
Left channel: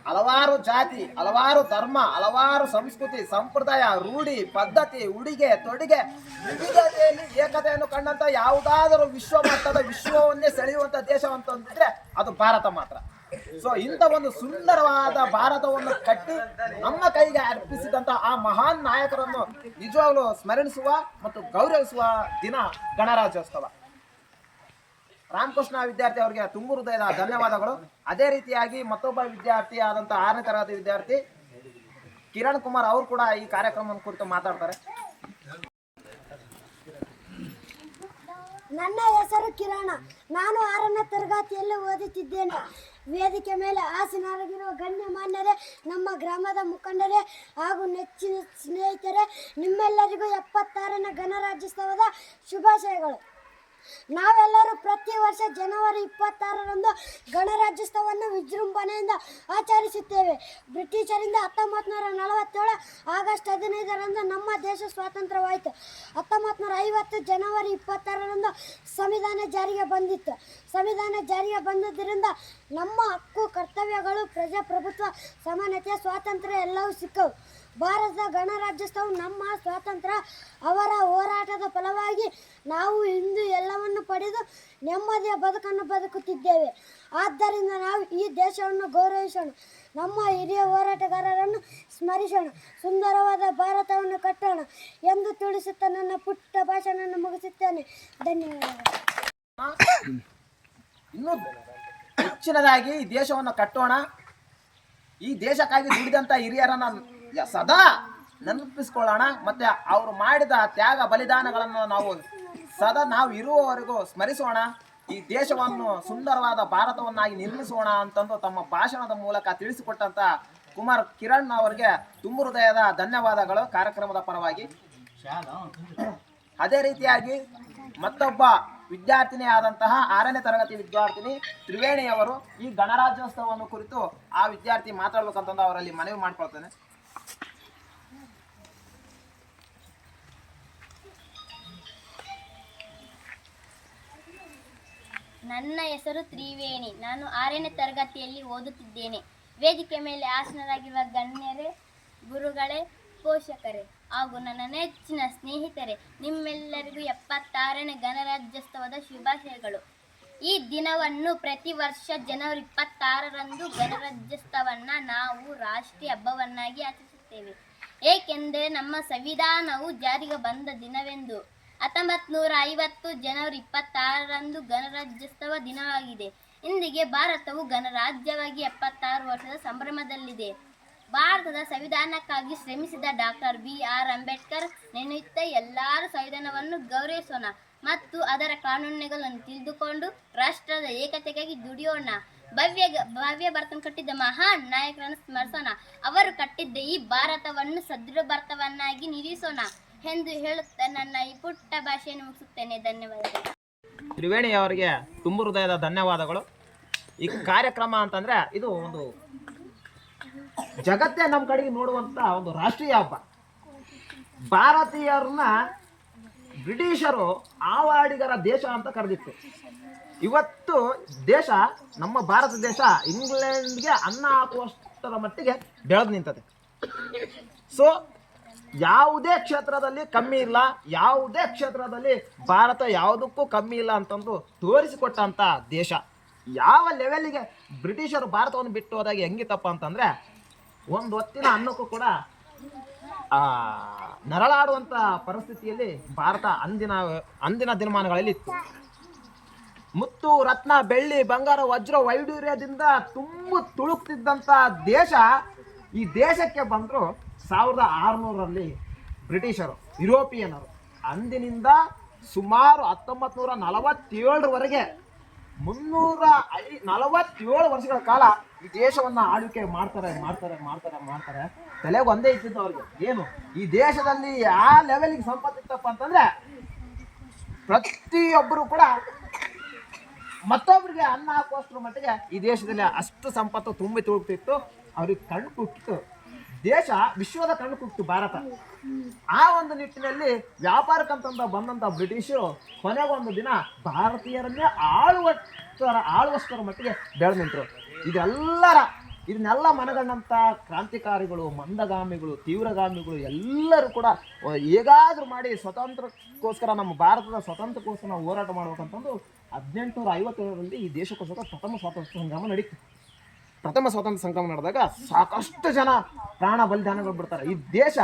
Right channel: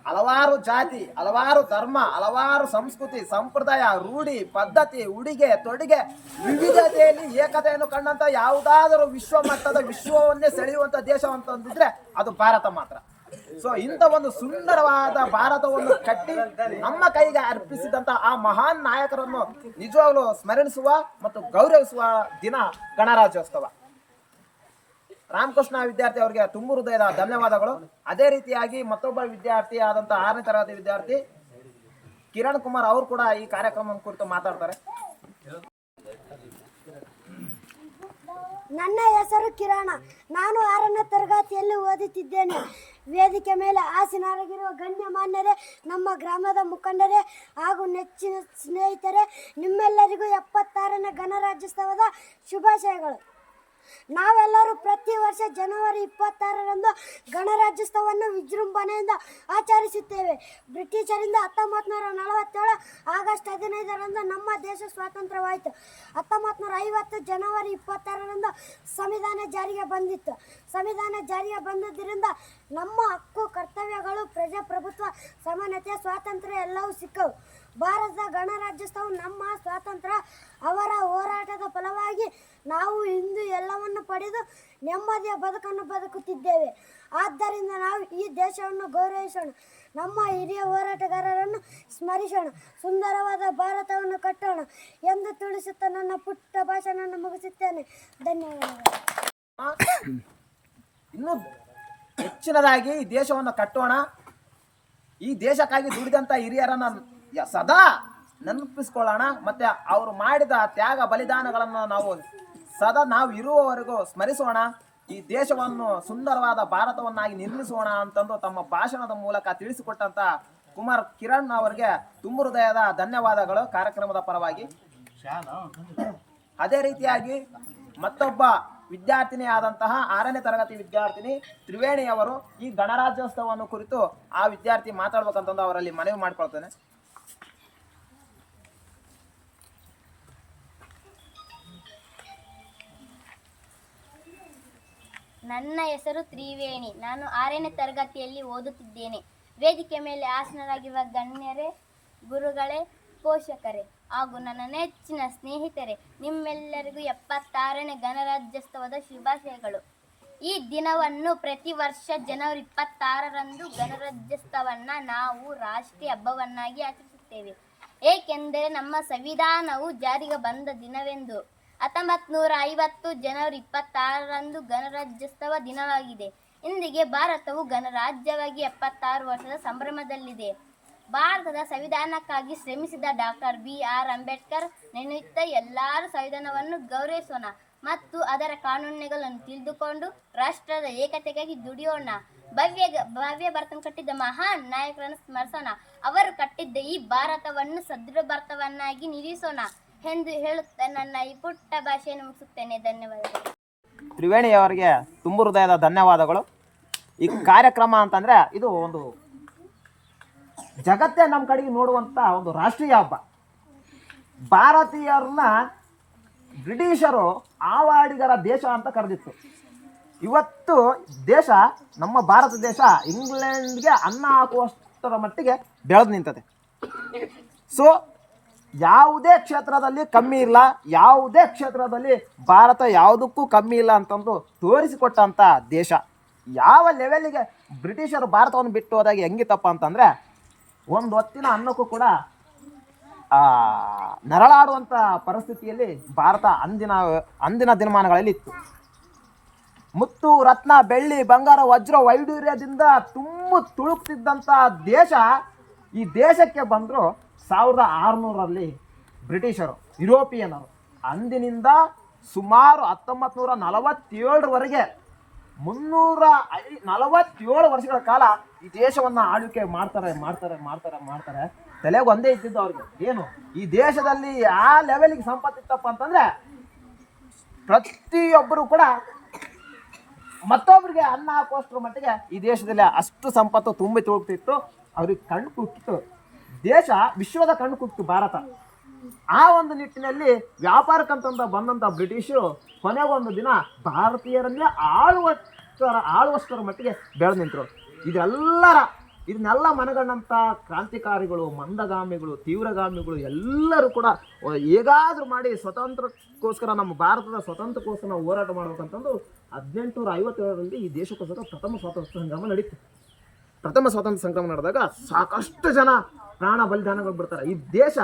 ಹಲವಾರು ಜಾತಿ, ಹಲವಾರು ಧರ್ಮ, ಹಲವಾರು ಸಂಸ್ಕೃತಿ, ಸಂಪ್ರದಾಯ, ರೂಢಿ, ಪದ್ಧತಿ, ಉಡುಗೆ ತೊಡುಗೆ, ವಿವಿಧತೆಯಲ್ಲಿ ಏಕತೆಯನ್ನು ಕಂಡಂತ ಯಾವುದಾದರೂ ವಿಶ್ವ ಮಟ್ಟದ ವಿಶ್ವವನ್ನೇ ಸೆಳೆಯುವಂತ ದೇಶ ಅಂತಂದಿದ್ರೆ ಅದು ಭಾರತ ಮಾತ್ರ. ಸೊ ಇಂಥ ಒಂದು ಸುಂದರವಾದ ಭಾರತವನ್ನು ಕಟ್ಟಿ ನಮ್ಮ ಕೈಗೆ ಅರ್ಪಿಸಿದಂತ ಆ ಮಹಾನ್ ನಾಯಕರನ್ನು ನಿಜವಾಗ್ಲೂ ಸ್ಮರಿಸುವ ಮತ್ತು ಗೌರವಿಸುವ ದಿನ ಗಣರಾಜ್ಯೋತ್ಸವ. ರಾಮಕೃಷ್ಣ ವಿದ್ಯಾರ್ಥಿ ಅವರಿಗೆ ತುಂಬ ಹೃದಯದ ಧನ್ಯವಾದಗಳು. ಅದೇ ರೀತಿಯಾಗಿ ಮತ್ತೊಬ್ಬ ವಿದ್ಯಾರ್ಥಿ ಆದಂಥ 6ನೇ ತರಗತಿ ವಿದ್ಯಾರ್ಥಿ ಕಿರಣ್ ಕುಮಾರ್ ಅವರು ಕೂಡ ಈ ಕಾರ್ಯಕ್ರಮದ ಕುರಿತು ಮಾತಾಡ್ತಾರೆ. ನನ್ನ ಹೆಸರು ಕಿರಣ. ನಾನು 6ನೇ ತರಗತಿಯಲ್ಲಿ ಓದುತ್ತಿದ್ದೇನೆ. ವೇದಿಕೆ ಮೇಲೆ ಆಸೀನರಾಗಿರುವ ಗಣ್ಯಮಾನ್ಯರೇ, ನಮ್ಮ ಗ್ರಾಮದ ಮುಖಂಡರೇ ಹಾಗೂ ನೆಚ್ಚಿನ ಸ್ನೇಹಿತರೆ, ನಿಮ್ಮೆಲ್ಲರಿಗೂ 76ನೇ ಗಣರಾಜ್ಯೋತ್ಸವದ ಶುಭಾಶಯಗಳು. ನಾವೆಲ್ಲರೂ ಪ್ರತಿ ವರ್ಷ ಜನವರಿ 26ರಂದು ಗಣರಾಜ್ಯೋತ್ಸವವನ್ನು ವಿಜೃಂಭಣೆಯಿಂದ ಆಚರಿಸುತ್ತೇವೆ. ಬ್ರಿಟಿಷರಿಂದ 1947 ಆಗಸ್ಟ್ 15ರಂದು ನಮ್ಮ ದೇಶ ಸ್ವಾತಂತ್ರ್ಯವಾಯಿತು. 1950 ಜನವರಿ 26ರಂದು ಸಂವಿಧಾನ ಜಾರಿಗೆ ಬಂದಿತ್ತು. ಸಂವಿಧಾನ ಜಾರಿಗೆ ಬಂದಿದ್ದರಿಂದ ನಮ್ಮ ಹಕ್ಕು, ಕರ್ತವ್ಯಗಳು, ಪ್ರಜಾಪ್ರಭುತ್ವ, ಸಮಾನತೆ, ಸ್ವಾತಂತ್ರ್ಯ ಎಲ್ಲವೂ ಸಿಕ್ಕವು. ಭಾರತದ ಗಣರಾಜ್ಯೋತ್ಸವ ನಮ್ಮ ಸ್ವಾತಂತ್ರ್ಯ ಅವರ ಹೋರಾಟದ ಫಲವಾಗಿ ನಾವು ಇಂದು ಎಲ್ಲವನ್ನು ಪಡೆದು ನೆಮ್ಮದಿಯ ಬದುಕನ್ನು ಬದುಕುತ್ತಿದ್ದೇವೆ. ಆದ್ದರಿಂದ ನಾವು ಈ ದೇಶವನ್ನು ಗೌರವಿಸೋಣ, ನಮ್ಮ ಹಿರಿಯ ಹೋರಾಟಗಾರರನ್ನು ಸ್ಮರಿಸೋಣ, ಸುಂದರವಾದ ಭಾರತವನ್ನು ಕಟ್ಟೋಣ ಎಂದು ತಿಳಿಸುತ್ತಾ ನನ್ನ ಪುಟ್ಟ ಭಾಷಣವನ್ನು ಮುಗಿಸುತ್ತೇನೆ. ಧನ್ಯವಾದಗಳು. ಇನ್ನೂ ಹೆಚ್ಚಿನದಾಗಿ ಈ ದೇಶವನ್ನು ಕಟ್ಟೋಣ. ಈ ದೇಶಕ್ಕಾಗಿ ದುಡಿದಂಥ ಹಿರಿಯರನ್ನ ಸದಾ ನೆನಪಿಸ್ಕೊಳ್ಳೋಣ. ಮತ್ತೆ ಅವರು ಮಾಡಿದ ತ್ಯಾಗ ಬಲಿದಾನಗಳನ್ನು ನಾವು ಇರುವವರೆಗೂ ಸ್ಮರಿಸೋಣ. ಈ ದೇಶವನ್ನು ಸುಂದರವಾದ ಭಾರತವನ್ನಾಗಿ ನಿರ್ಮಿಸೋಣ ಅಂತಂದು ತಮ್ಮ ಭಾಷಣದ ಮೂಲಕ ತಿಳಿಸಿಕೊಟ್ಟಂತ ಕುಮಾರ್ ಕಿರಣ್ ಅವರಿಗೆ ತುಂಬ ಹೃದಯದ ಧನ್ಯವಾದಗಳು ಕಾರ್ಯಕ್ರಮದ ಪರವಾಗಿ. ಅದೇ ರೀತಿಯಾಗಿ ಮತ್ತೊಬ್ಬ ವಿದ್ಯಾರ್ಥಿನಿ ಆದಂತಹ 6ನೇ ತರಗತಿ ವಿದ್ಯಾರ್ಥಿನಿ ತ್ರಿವೇಣಿ ಅವರು ಈ ಗಣರಾಜ್ಯೋತ್ಸವವನ್ನು ಕುರಿತು ಆ ವಿದ್ಯಾರ್ಥಿ ಮಾತಾಡ್ಬೇಕಂತಂದು ಅವರಲ್ಲಿ ಮನವಿ ಮಾಡ್ಕೊಳ್ತೇನೆ. ನನ್ನ ಹೆಸರು ತ್ರಿವೇಣಿ. ನಾನು 6ನೇ ತರಗತಿಯಲ್ಲಿ ಓದುತ್ತಿದ್ದೇನೆ. ವೇದಿಕೆ ಮೇಲೆ ಆಸೀನರಾಗಿರುವ ಗಣ್ಯರೇ, ಗುರುಗಳೇ, ಪೋಷಕರೇ ಹಾಗೂ ನನ್ನ ನೆಚ್ಚಿನ ಸ್ನೇಹಿತರೆ, ನಿಮ್ಮೆಲ್ಲರಿಗೂ 76ನೇ ಗಣರಾಜ್ಯೋತ್ಸವದ ಶುಭಾಶಯಗಳು. ಈ ದಿನವನ್ನು ಪ್ರತಿ ವರ್ಷ ಜನವರಿ 26ರಂದು ಗಣರಾಜ್ಯೋತ್ಸವವನ್ನು ನಾವು ರಾಷ್ಟ್ರೀಯ ಹಬ್ಬವನ್ನಾಗಿ ಆಚರಿಸುತ್ತೇವೆ. ಏಕೆಂದರೆ ನಮ್ಮ ಸಂವಿಧಾನವು ಜಾರಿಗೆ ಬಂದ ದಿನವೆಂದು. 1950 ಜನವರಿ 26ರಂದು ಗಣರಾಜ್ಯೋತ್ಸವ ದಿನವಾಗಿದೆ. ಇಂದಿಗೆ ಭಾರತವು ಗಣರಾಜ್ಯವಾಗಿ 76 ವರ್ಷದ ಸಂಭ್ರಮದಲ್ಲಿದೆ. ಭಾರತದ ಸಂವಿಧಾನಕ್ಕಾಗಿ ಶ್ರಮಿಸಿದ ಡಾಕ್ಟರ್ BR ಅಂಬೇಡ್ಕರ್ ನೆನೆಯುತ್ತಾ ಎಲ್ಲರೂ ಸಂವಿಧಾನವನ್ನು ಗೌರವಿಸೋಣ ಮತ್ತು ಅದರ ಕಾನೂನುಗಳನ್ನು ತಿಳಿದುಕೊಂಡು ರಾಷ್ಟ್ರದ ಏಕತೆಗಾಗಿ ದುಡಿಯೋಣ. ಭವ್ಯ ಭಾರತವನ್ನು ಕಟ್ಟಿದ್ದ ಮಹಾನ್ ನಾಯಕರನ್ನು ಸ್ಮರಿಸೋಣ. ಅವರು ಕಟ್ಟಿದ್ದ ಈ ಭಾರತವನ್ನು ಸದೃಢ ಭಾರತವನ್ನಾಗಿ ನಿರ್ಮಿಸೋಣ ಎಂದು ಹೇಳುತ್ತಾ ನನ್ನ ಈ ಪುಟ್ಟ ಭಾಷೆಯನ್ನು ಮುಗಿಸುತ್ತೇನೆ. ಧನ್ಯವಾದಗಳು. ತ್ರಿವೇಣಿ ಅವರಿಗೆ ತುಂಬ ಹೃದಯದ ಧನ್ಯವಾದಗಳು. ಈ ಕಾರ್ಯಕ್ರಮ ಅಂತಂದರೆ ಇದು ಒಂದು ಜಗತ್ತೇ ನಮ್ಮ ಕಡೆಗೆ ನೋಡುವಂಥ ಒಂದು ರಾಷ್ಟ್ರೀಯ ಹಬ್ಬ. ಭಾರತೀಯರನ್ನ ಬ್ರಿಟಿಷರು ಆವಾಡಿಗರ ದೇಶ ಅಂತ ಕರೆದಿತ್ತು. ಇವತ್ತು ದೇಶ, ನಮ್ಮ ಭಾರತ ದೇಶ ಇಂಗ್ಲೆಂಡ್ಗೆ ಅನ್ನ ಹಾಕುವಷ್ಟರ ಮಟ್ಟಿಗೆ ಬೆಳೆದು ನಿಂತದೆ. ಸೊ ಯಾವುದೇ ಕ್ಷೇತ್ರದಲ್ಲಿ ಕಮ್ಮಿ ಇಲ್ಲ, ಯಾವುದೇ ಕ್ಷೇತ್ರದಲ್ಲಿ ಭಾರತ ಯಾವುದಕ್ಕೂ ಕಮ್ಮಿ ಇಲ್ಲ ಅಂತಂದು ತೋರಿಸಿಕೊಟ್ಟಂಥ ದೇಶ. ಯಾವ ಲೆವೆಲ್ಲಿಗೆ ಬ್ರಿಟಿಷರು ಭಾರತವನ್ನು ಬಿಟ್ಟು ಹೋದಾಗ ಹೆಂಗಿತ್ತಪ್ಪ ಅಂತಂದರೆ, ಒಂದು ಹೊತ್ತಿನ ಅನ್ನಕ್ಕೂ ಕೂಡ ನರಳಾಡುವಂಥ ಪರಿಸ್ಥಿತಿಯಲ್ಲಿ ಭಾರತ ಅಂದಿನ ದಿನಮಾನಗಳಲ್ಲಿ ಇತ್ತು. ಮುತ್ತು, ರತ್ನ, ಬೆಳ್ಳಿ, ಬಂಗಾರ, ವಜ್ರ, ವೈಡೂರ್ಯದಿಂದ ತುಳುಕ್ತಿದ್ದಂಥ ದೇಶ ಈ ದೇಶಕ್ಕೆ ಬಂದರು 1600ರಲ್ಲಿ ಬ್ರಿಟಿಷರು, ಯುರೋಪಿಯನರು. ಅಂದಿನಿಂದ ಸುಮಾರು 1947ರವರೆಗೆ 347 ವರ್ಷಗಳ ಕಾಲ ಈ ದೇಶವನ್ನು ಆಳ್ವಿಕೆ ಮಾಡ್ತಾರೆ. ತಲೆಗೆ ಒಂದೇ ಇದ್ದಿದ್ದು ಅವ್ರಿಗೆ, ಏನು ಈ ದೇಶದಲ್ಲಿ ಆ ಲೆವೆಲ್ಗೆ ಸಂಪತ್ತಿತ್ತಪ್ಪ ಅಂತಂದರೆ ಪ್ರತಿಯೊಬ್ಬರು ಕೂಡ ಮತ್ತೊಬ್ಬರಿಗೆ ಅನ್ನ ಹಾಕುವಷ್ಟರ ಮಟ್ಟಿಗೆ ಈ ದೇಶದಲ್ಲಿ ಅಷ್ಟು ಸಂಪತ್ತು ತುಂಬಿ ತುಳುಕ್ತಿತ್ತು. ಅವ್ರಿಗೆ ಕಣ್ಣು ಕುಟ್ಟಿತ್ತು ದೇಶ, ವಿಶ್ವದ ಕಣ್ಣು ಕುಟ್ಟಿತ್ತು ಭಾರತ. ಆ ಒಂದು ನಿಟ್ಟಿನಲ್ಲಿ ವ್ಯಾಪಾರಕ್ಕಂತ ಬಂದಂಥ ಬ್ರಿಟಿಷರು ಕೊನೆಗೊಂದು ದಿನ ಭಾರತೀಯರನ್ನೇ ಆಳುವಷ್ಟರ ಮಟ್ಟಿಗೆ ಬೆಳೆದು ನಿಂತರು. ಇದನ್ನೆಲ್ಲ ಮನಗಂಡಂಥ ಕ್ರಾಂತಿಕಾರಿಗಳು, ಮಂದಗಾಮಿಗಳು, ತೀವ್ರಗಾಮಿಗಳು ಎಲ್ಲರೂ ಕೂಡ ಹೇಗಾದರೂ ಮಾಡಿ ಸ್ವಾತಂತ್ರ್ಯಕ್ಕೋಸ್ಕರ, ನಮ್ಮ ಭಾರತದ ಸ್ವಾತಂತ್ರ್ಯಕ್ಕೋಸ್ಕರ ನಾವು ಹೋರಾಟ ಮಾಡ್ಬೇಕಂತಂದು 1857ರಲ್ಲಿ ಈ ದೇಶಕ್ಕೋಸ್ಕರ ಪ್ರಥಮ ಸ್ವಾತಂತ್ರ್ಯ ಸಂಗ್ರಾಮ ನಡೀತು. ಪ್ರಥಮ ಸ್ವಾತಂತ್ರ್ಯ ಸಂಗ್ರಾಮ ನಡೆದಾಗ ಸಾಕಷ್ಟು ಜನ ಪ್ರಾಣ ಬಲಿದಾನಗಳು ಬಿಡ್ತಾರೆ. ಈ ದೇಶ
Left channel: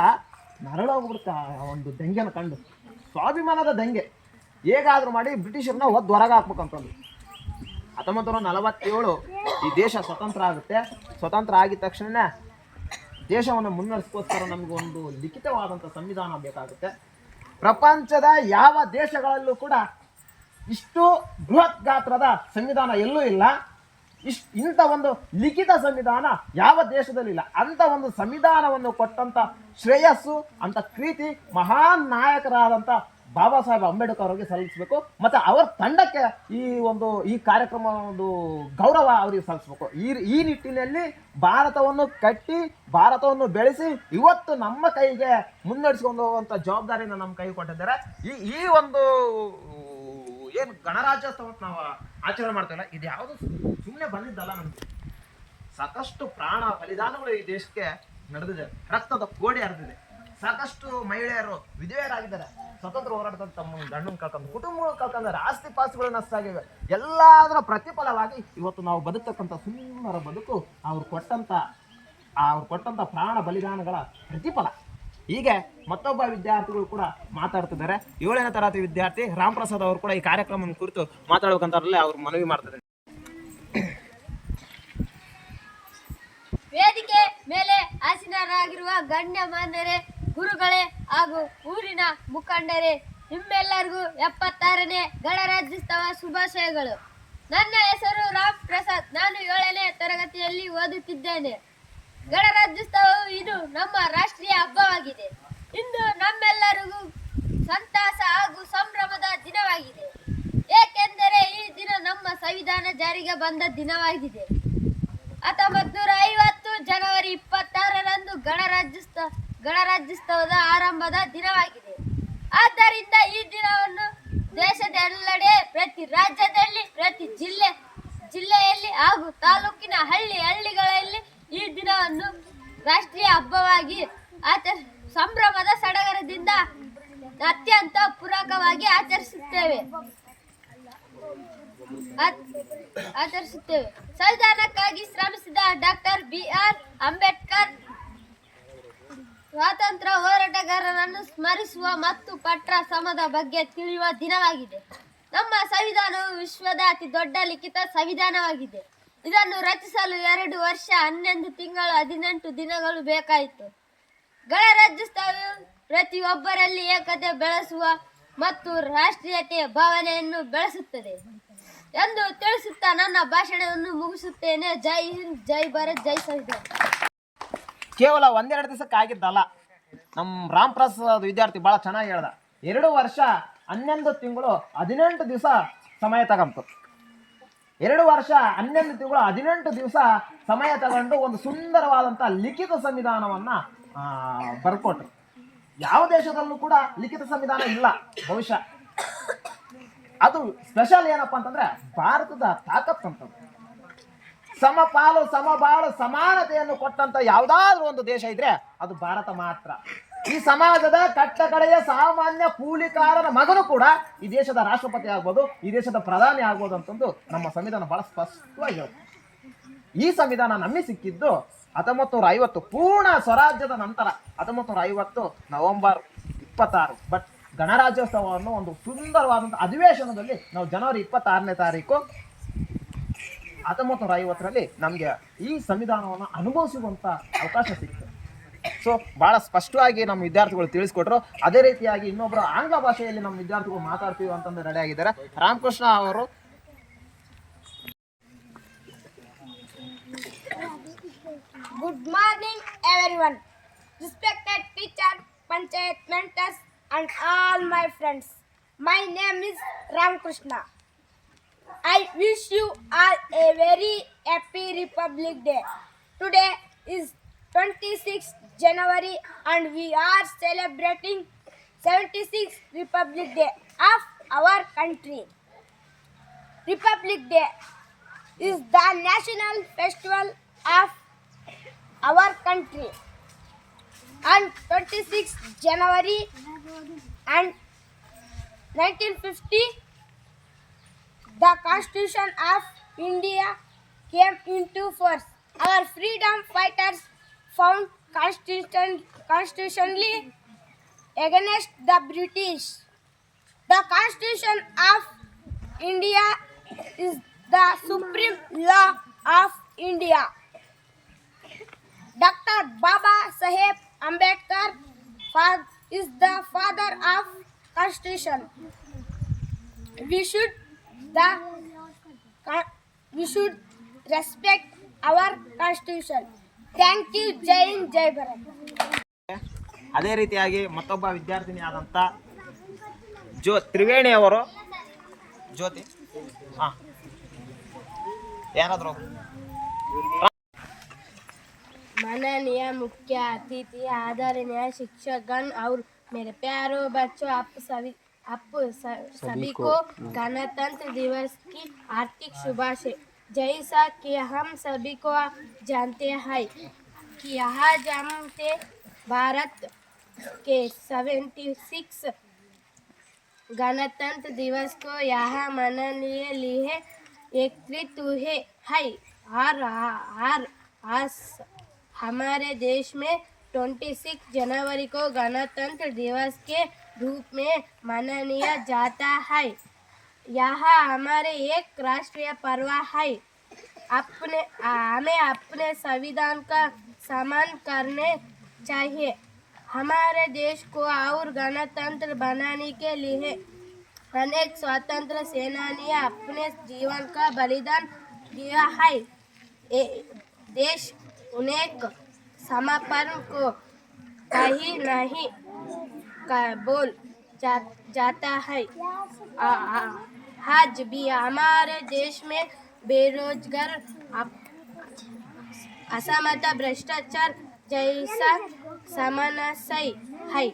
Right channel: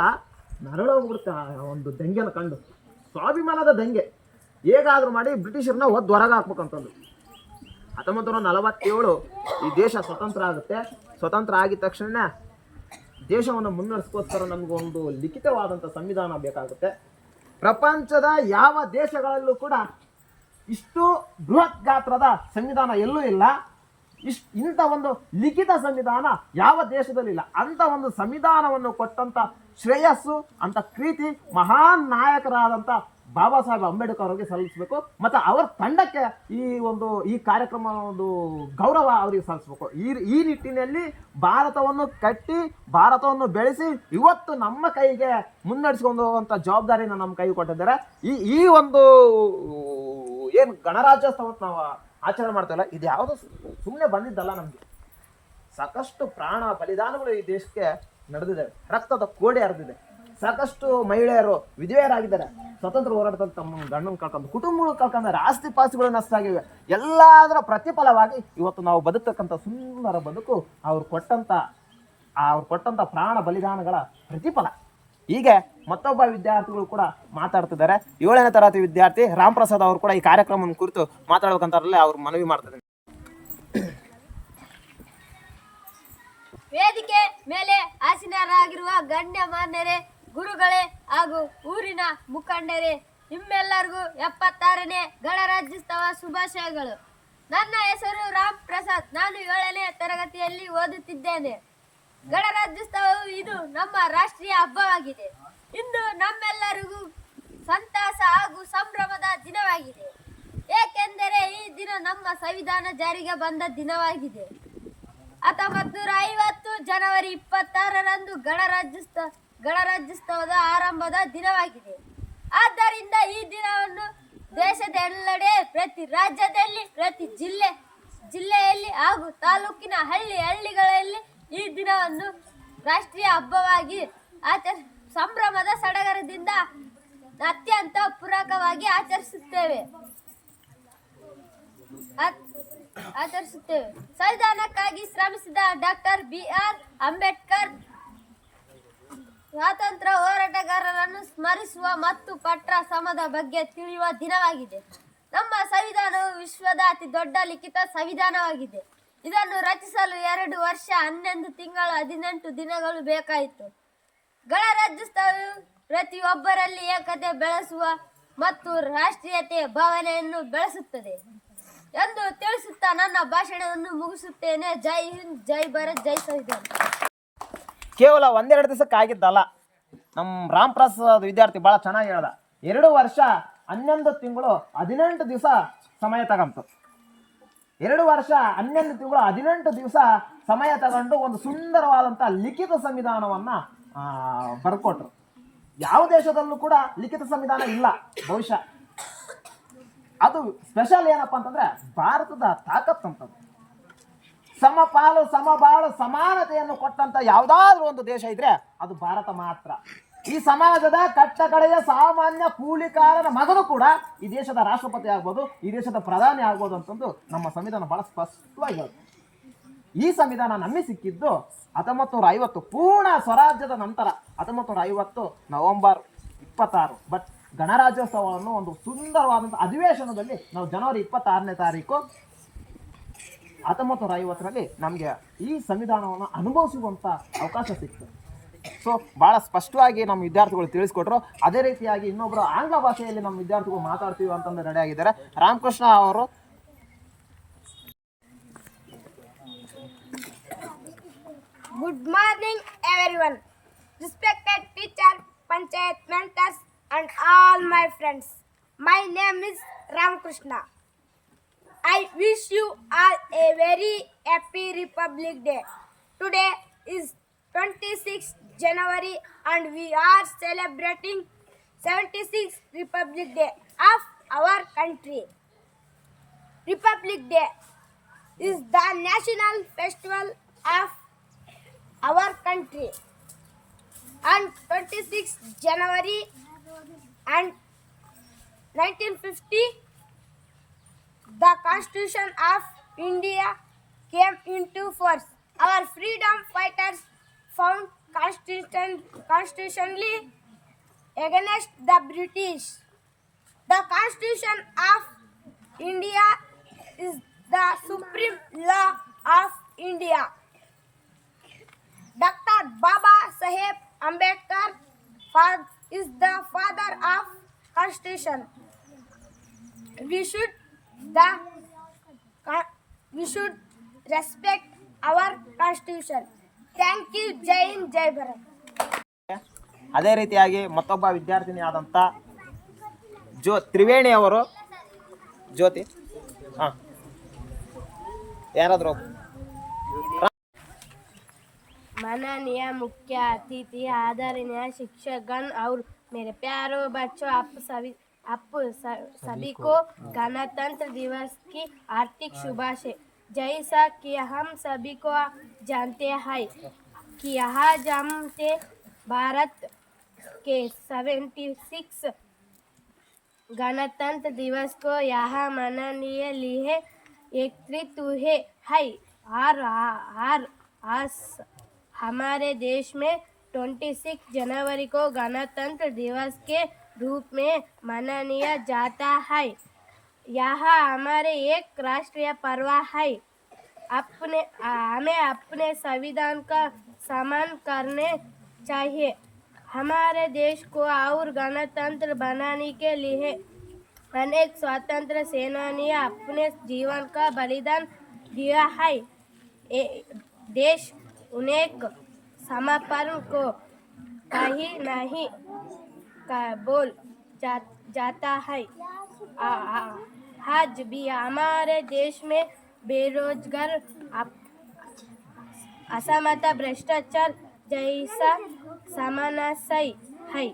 ನರಳೋಗ್ಬಿಡುತ್ತೆ ಒಂದು ದಂಗೆನ ಕಂಡು. ಸ್ವಾಭಿಮಾನದ ದಂಗೆ ಹೇಗಾದರೂ ಮಾಡಿ ಬ್ರಿಟಿಷರನ್ನ ಹೊದ್ದು ಹೊರಗೆ ಹಾಕ್ಬೇಕಂತಂದು 1947 ಈ ದೇಶ ಸ್ವತಂತ್ರ ಆಗುತ್ತೆ. ಸ್ವತಂತ್ರ ಆಗಿದ ತಕ್ಷಣ ದೇಶವನ್ನು ಮುನ್ನಡೆಸ್ಕೋಸ್ಕರ ನಮಗೊಂದು ಲಿಖಿತವಾದಂಥ ಸಂವಿಧಾನ ಬೇಕಾಗುತ್ತೆ. ಪ್ರಪಂಚದ ಯಾವ ದೇಶಗಳಲ್ಲೂ ಕೂಡ ಇಷ್ಟು ಬೃಹತ್ ಗಾತ್ರದ ಸಂವಿಧಾನ ಎಲ್ಲೂ ಇಲ್ಲ. ಇಂಥ ಒಂದು ಲಿಖಿತ ಸಂವಿಧಾನ ಯಾವ ದೇಶದಲ್ಲಿಲ್ಲ. ಅಂಥ ಒಂದು ಸಂವಿಧಾನವನ್ನು ಕೊಟ್ಟಂಥ ಶ್ರೇಯಸ್ಸು, ಅಂಥ ಕೀರ್ತಿ ಮಹಾನ್ ನಾಯಕರಾದಂಥ ಬಾಬಾ ಸಾಹೇಬ್ ಅಂಬೇಡ್ಕರ್ ಅವರಿಗೆ ಸಲ್ಲಿಸಬೇಕು. ಮತ್ತು ಅವರ ತಂಡಕ್ಕೆ ಈ ಕಾರ್ಯಕ್ರಮ ಒಂದು ಗೌರವ ಅವರಿಗೆ ಸಲ್ಲಿಸಬೇಕು. ಈ ನಿಟ್ಟಿನಲ್ಲಿ ಭಾರತವನ್ನು ಕಟ್ಟಿ, ಭಾರತವನ್ನು ಬೆಳೆಸಿ ಇವತ್ತು ನಮ್ಮ ಕೈಗೆ ಮುನ್ನಡೆಸ್ಕೊಂಡು ಹೋಗುವಂಥ ಜವಾಬ್ದಾರಿನ ನಮ್ಮ ಕೈಗೆ ಕೊಟ್ಟಿದ್ದಾರೆ. ಈ ಒಂದು ಏನು ಗಣರಾಜ್ಯೋತ್ಸವ ನಾವು ಆಚರಣೆ ಮಾಡ್ತಾಯಿಲ್ಲ, ಇದು ಯಾವುದು ಸುಮ್ಮನೆ ಬಂದಿದ್ದಲ್ಲ. ನಮಗೆ ಸಾಕಷ್ಟು ಪ್ರಾಣ ಬಲಿದಾನಗಳು ಈ ದೇಶಕ್ಕೆ ನಡೆದಿದೆ. ರಕ್ತದ ಕೋಡಿ ಹರಿದಿದೆ. ಸಾಕಷ್ಟು ಮಹಿಳೆಯರು ವಿಧವೆಯರಾಗಿದ್ದಾರೆ. ಸ್ವತಂತ್ರ ಹೋರಾಟದಲ್ಲಿ ತಮ್ಮ ಗಂಡನ್ನು ಕಳ್ಕೊಂಡು, ಕುಟುಂಬಗಳು ಕಳ್ಕೊಂಡ್ರೆ, ಆಸ್ತಿ ಪಾಸ್ತಿಗಳು ನಷ್ಟ ಆಗಿವೆ. ಎಲ್ಲದರ ಪ್ರತಿಫಲವಾಗಿ ಇವತ್ತು ನಾವು ಬದುಕ್ತಕ್ಕಂಥ ಸುಂದರ ಬದುಕು ಅವ್ರು ಕೊಟ್ಟಂಥ ಪ್ರಾಣ ಬಲಿದಾನಗಳ ಪ್ರತಿಫಲ. ಹೀಗೆ ಮತ್ತೊಬ್ಬ ವಿದ್ಯಾರ್ಥಿಗಳು ಕೂಡ ಮಾತಾಡ್ತಿದ್ದಾರೆ. 7ನೇ ತರಗತಿ ವಿದ್ಯಾರ್ಥಿ ರಾಮ್ ಪ್ರಸಾದ್ ಅವರು ಕೂಡ ಈ ಕಾರ್ಯಕ್ರಮವನ್ನು ಕುರಿತು ಮಾತಾಡ್ಬೇಕಂತಾರಲ್ಲೇ ಅವ್ರು ಮನವಿ ಮಾಡ್ತಾರೆ. ವೇದಿಕೆ ಮೇಲೆ ಆಸೀನರಾಗಿರುವ ಗಣ್ಯಮಾನ್ಯರೇ, ಗುರುಗಳೇ ಹಾಗೂ ಊರಿನ ಮುಖಂಡರೇ, ನಿಮ್ಮೆಲ್ಲರಿಗೂ 76ನೇ ಗಣರಾಜ್ಯೋತ್ಸವ ಶುಭಾಶಯಗಳು. ನನ್ನ ಹೆಸರು ರಾಮ್ ಪ್ರಸಾದ್. ನಾನು 7ನೇ ತರಗತಿಯಲ್ಲಿ ಓದುತ್ತಿದ್ದೇನೆ. ಗಣರಾಜ್ಯೋತ್ಸವವು ಇದು ನಮ್ಮ ರಾಷ್ಟ್ರೀಯ ಹಬ್ಬವಾಗಿದೆ. ಇಂದು ನಮ್ಮೆಲ್ಲರಿಗೂ ಸಂತಸ ಹಾಗೂ ಸಂಭ್ರಮದ ದಿನವಾಗಿದೆ. ಏಕೆಂದರೆ ಈ ದಿನ ನಮ್ಮ ಸಂವಿಧಾನ ಜಾರಿಗೆ ಬಂದ ದಿನವಾಗಿದೆ. 1950 ಜನವರಿ 26ರಂದು ಗಣರಾಜ್ಯೋತ್ಸವದ ಆರಂಭದ ದಿನವಾಗಿದೆ. ಆದ್ದರಿಂದ ಈ ದಿನವನ್ನು ದೇಶದೆಲ್ಲೆಡೆ, ಪ್ರತಿ ರಾಜ್ಯದಲ್ಲಿ, ಪ್ರತಿ ಜಿಲ್ಲೆಯಲ್ಲಿ ಹಾಗೂ ತಾಲೂಕಿನ ಹಳ್ಳಿಗಳಲ್ಲಿ ಈ ದಿನವನ್ನು ರಾಷ್ಟ್ರೀಯ ಹಬ್ಬವಾಗಿ ಸಂಭ್ರಮದ ಸಡಗರದಿಂದ ಅತ್ಯಂತ ಪೂರಕವಾಗಿ ಆಚರಿಸುತ್ತೇವೆ. ಸಂವಿಧಾನಕ್ಕಾಗಿ ಶ್ರಮಿಸಿದ ಡಾಕ್ಟರ್ BR ಅಂಬೇಡ್ಕರ್ ಸ್ವಾತಂತ್ರ್ಯ ಹೋರಾಟಗಾರರನ್ನು ಸ್ಮರಿಸುವ ಮತ್ತು ಪಟ್ರ ಸಮದ ಬಗ್ಗೆ ತಿಳಿಯುವ ದಿನವಾಗಿದೆ. ನಮ್ಮ ಸಂವಿಧಾನವು ವಿಶ್ವದ ಅತಿ ದೊಡ್ಡ ಲಿಖಿತ ಸಂವಿಧಾನವಾಗಿದೆ. ಇದನ್ನು ರಚಿಸಲು 2 ವರ್ಷ 11 ತಿಂಗಳು 18 ದಿನಗಳು ಬೇಕಾಯಿತು. ಗಣರಾಜ್ಯೋತ್ಸವವು ಪ್ರತಿಯೊಬ್ಬರಲ್ಲಿ ಏಕತೆ ಬೆಳೆಸುವ ಮತ್ತು ರಾಷ್ಟ್ರೀಯತೆಯ ಭಾವನೆಯನ್ನು ಬೆಳೆಸುತ್ತದೆ ಎಂದು ತಿಳಿಸುತ್ತಾ ನನ್ನ ಭಾಷಣವನ್ನು ಮುಗಿಸುತ್ತೇನೆ. ಜೈ ಹಿಂದ್, ಜೈ ಭಾರತ್, ಜೈ ಸಂವಿಧಾನ. ಕೇವಲ 1-2 ದಿವಸಕ್ಕಾಗಿದ್ದಲ್ಲ. ನಮ್ಮ ರಾಮ್ ಪ್ರಸಾದ್ ವಿದ್ಯಾರ್ಥಿ ಭಾಳ ಚೆನ್ನಾಗಿ ಹೇಳ್ದ. 2 ವರ್ಷ 11 ತಿಂಗಳು 18 ದಿವಸ ಸಮಯ ತಗೊಂತು. 2 ವರ್ಷ 11 ತಿಂಗಳು 18 ದಿವಸ ಸಮಯ ತಗೊಂಡು ಒಂದು ಸುಂದರವಾದಂಥ ಲಿಖಿತ ಸಂವಿಧಾನವನ್ನು ಬರ್ಕೊಟ್ರು. ಯಾವ ದೇಶದಲ್ಲೂ ಕೂಡ ಲಿಖಿತ ಸಂವಿಧಾನ ಇಲ್ಲ ಬಹುಶಃ. ಅದು ಸ್ಪೆಷಲ್ ಏನಪ್ಪ ಅಂತಂದ್ರೆ ಭಾರತದ ತಾಕತ್ತು ಅಂತದ್ದು. ಸಮಪಾಲು ಸಮಬಾಳು ಸಮಾನತೆಯನ್ನು ಕೊಟ್ಟಂತ ಯಾವುದಾದ್ರೂ ಒಂದು ದೇಶ ಇದ್ರೆ ಅದು ಭಾರತ ಮಾತ್ರ. ಈ ಸಮಾಜದ ಕಟ್ಟ ಕಡೆಯ ಸಾಮಾನ್ಯ ಕೂಲಿಕಾರನ ಮಗನು ಕೂಡ ಈ ದೇಶದ ರಾಷ್ಟ್ರಪತಿ ಆಗ್ಬೋದು, ಈ ದೇಶದ ಪ್ರಧಾನಿ ಆಗ್ಬೋದು ಅಂತಂದು ನಮ್ಮ ಸಂವಿಧಾನ ಬಹಳ ಸ್ಪಷ್ಟವಾಗಿ ಹೇಳುತ್ತೆ. ಈ ಸಂವಿಧಾನ ನಮಗೆ ಸಿಕ್ಕಿದ್ದು 1950 ಪೂರ್ಣ ಸ್ವರಾಜ್ಯದ ನಂತರ 1950 ನವೆಂಬರ್ 26. ಬಟ್ ಗಣರಾಜ್ಯೋತ್ಸವವನ್ನು ಒಂದು ಸುಂದರವಾದಂಥ ಅಧಿವೇಶನದಲ್ಲಿ ನಾವು ಜನವರಿ 26ನೇ ತಾರೀಕು 1950ರಲ್ಲಿ ನಮಗೆ ಈ ಸಂವಿಧಾನವನ್ನು ಅನುಭವಿಸುವಂಥ ಅವಕಾಶ ಸಿಕ್ತು. ಸೊ ಭಾಳ ಸ್ಪಷ್ಟವಾಗಿ ನಮ್ಮ ವಿದ್ಯಾರ್ಥಿಗಳು ತಿಳಿಸ್ಕೊಟ್ರು. ಅದೇ ರೀತಿಯಾಗಿ ಇನ್ನೊಬ್ಬರು ಆಂಗ್ಲ ಭಾಷೆಯಲ್ಲಿ ನಮ್ಮ ವಿದ್ಯಾರ್ಥಿಗಳು ಮಾತಾಡ್ತೀವಿ ಅಂತಂದು ರೆಡಿಯಾಗಿದ್ದಾರೆ. ರಾಮಕೃಷ್ಣ ಅವರು Good morning, everyone. Respected teacher, panchayat mentors, and all my friends. My name is Ramakrishna. I wish you all a very happy Republic Day. Today is 26th January and we are celebrating 76th Republic Day of our country. Republic Day is the national festival of our country. On 26th January and 1950, the Constitution of India came into force. Our freedom fighters found constitutionally against the British. The Constitution of India is the supreme law of India. Dr. Baba Saheb Ambedkar is the father of Constitution. We should respect our Constitution. Thank you. Jai Hind, Jai Bharat. ಅದೇ ರೀತಿಯಾಗಿ ಮತ್ತೊಬ್ಬ ವಿದ್ಯಾರ್ಥಿನಿ ಆದಂಥ ತ್ರಿವೇಣಿ ಅವರು ಜ್ಯೋತಿ ಯಾರಾದರೂ माननीय मुख्य अतिथि, आदरणीय शिक्षकगण और मेरे प्यारों बच्चों, आप सभी को गणतंत्र दिवस की हार्दिक शुभाशय। जैसा कि हम सभी को जानते हैं कि आज हम भारत के 76 गणतंत्र दिवस को यहाँ मनाने लिए एकत्रित हुए हैं। आज हमारे देश में 26 जनवरी को गणतंत्र दिवस के रूप में मनाया जाता है। यह हमारे एक राष्ट्रीय पर्व है। हमें अपने संविधान का सम्मान करने चाहिए। हमारे देश को और गणतंत्र बनाने के लिए अनेक स्वतंत्र सेनानी अपने जीवन का बलिदान दिया है। देश उन्हें समर्पण को कहीं नहीं बोल जाता है। आज भी हमारे देश में बेरोजगार, असमानता, भ्रष्टाचार जैसा समस्या है।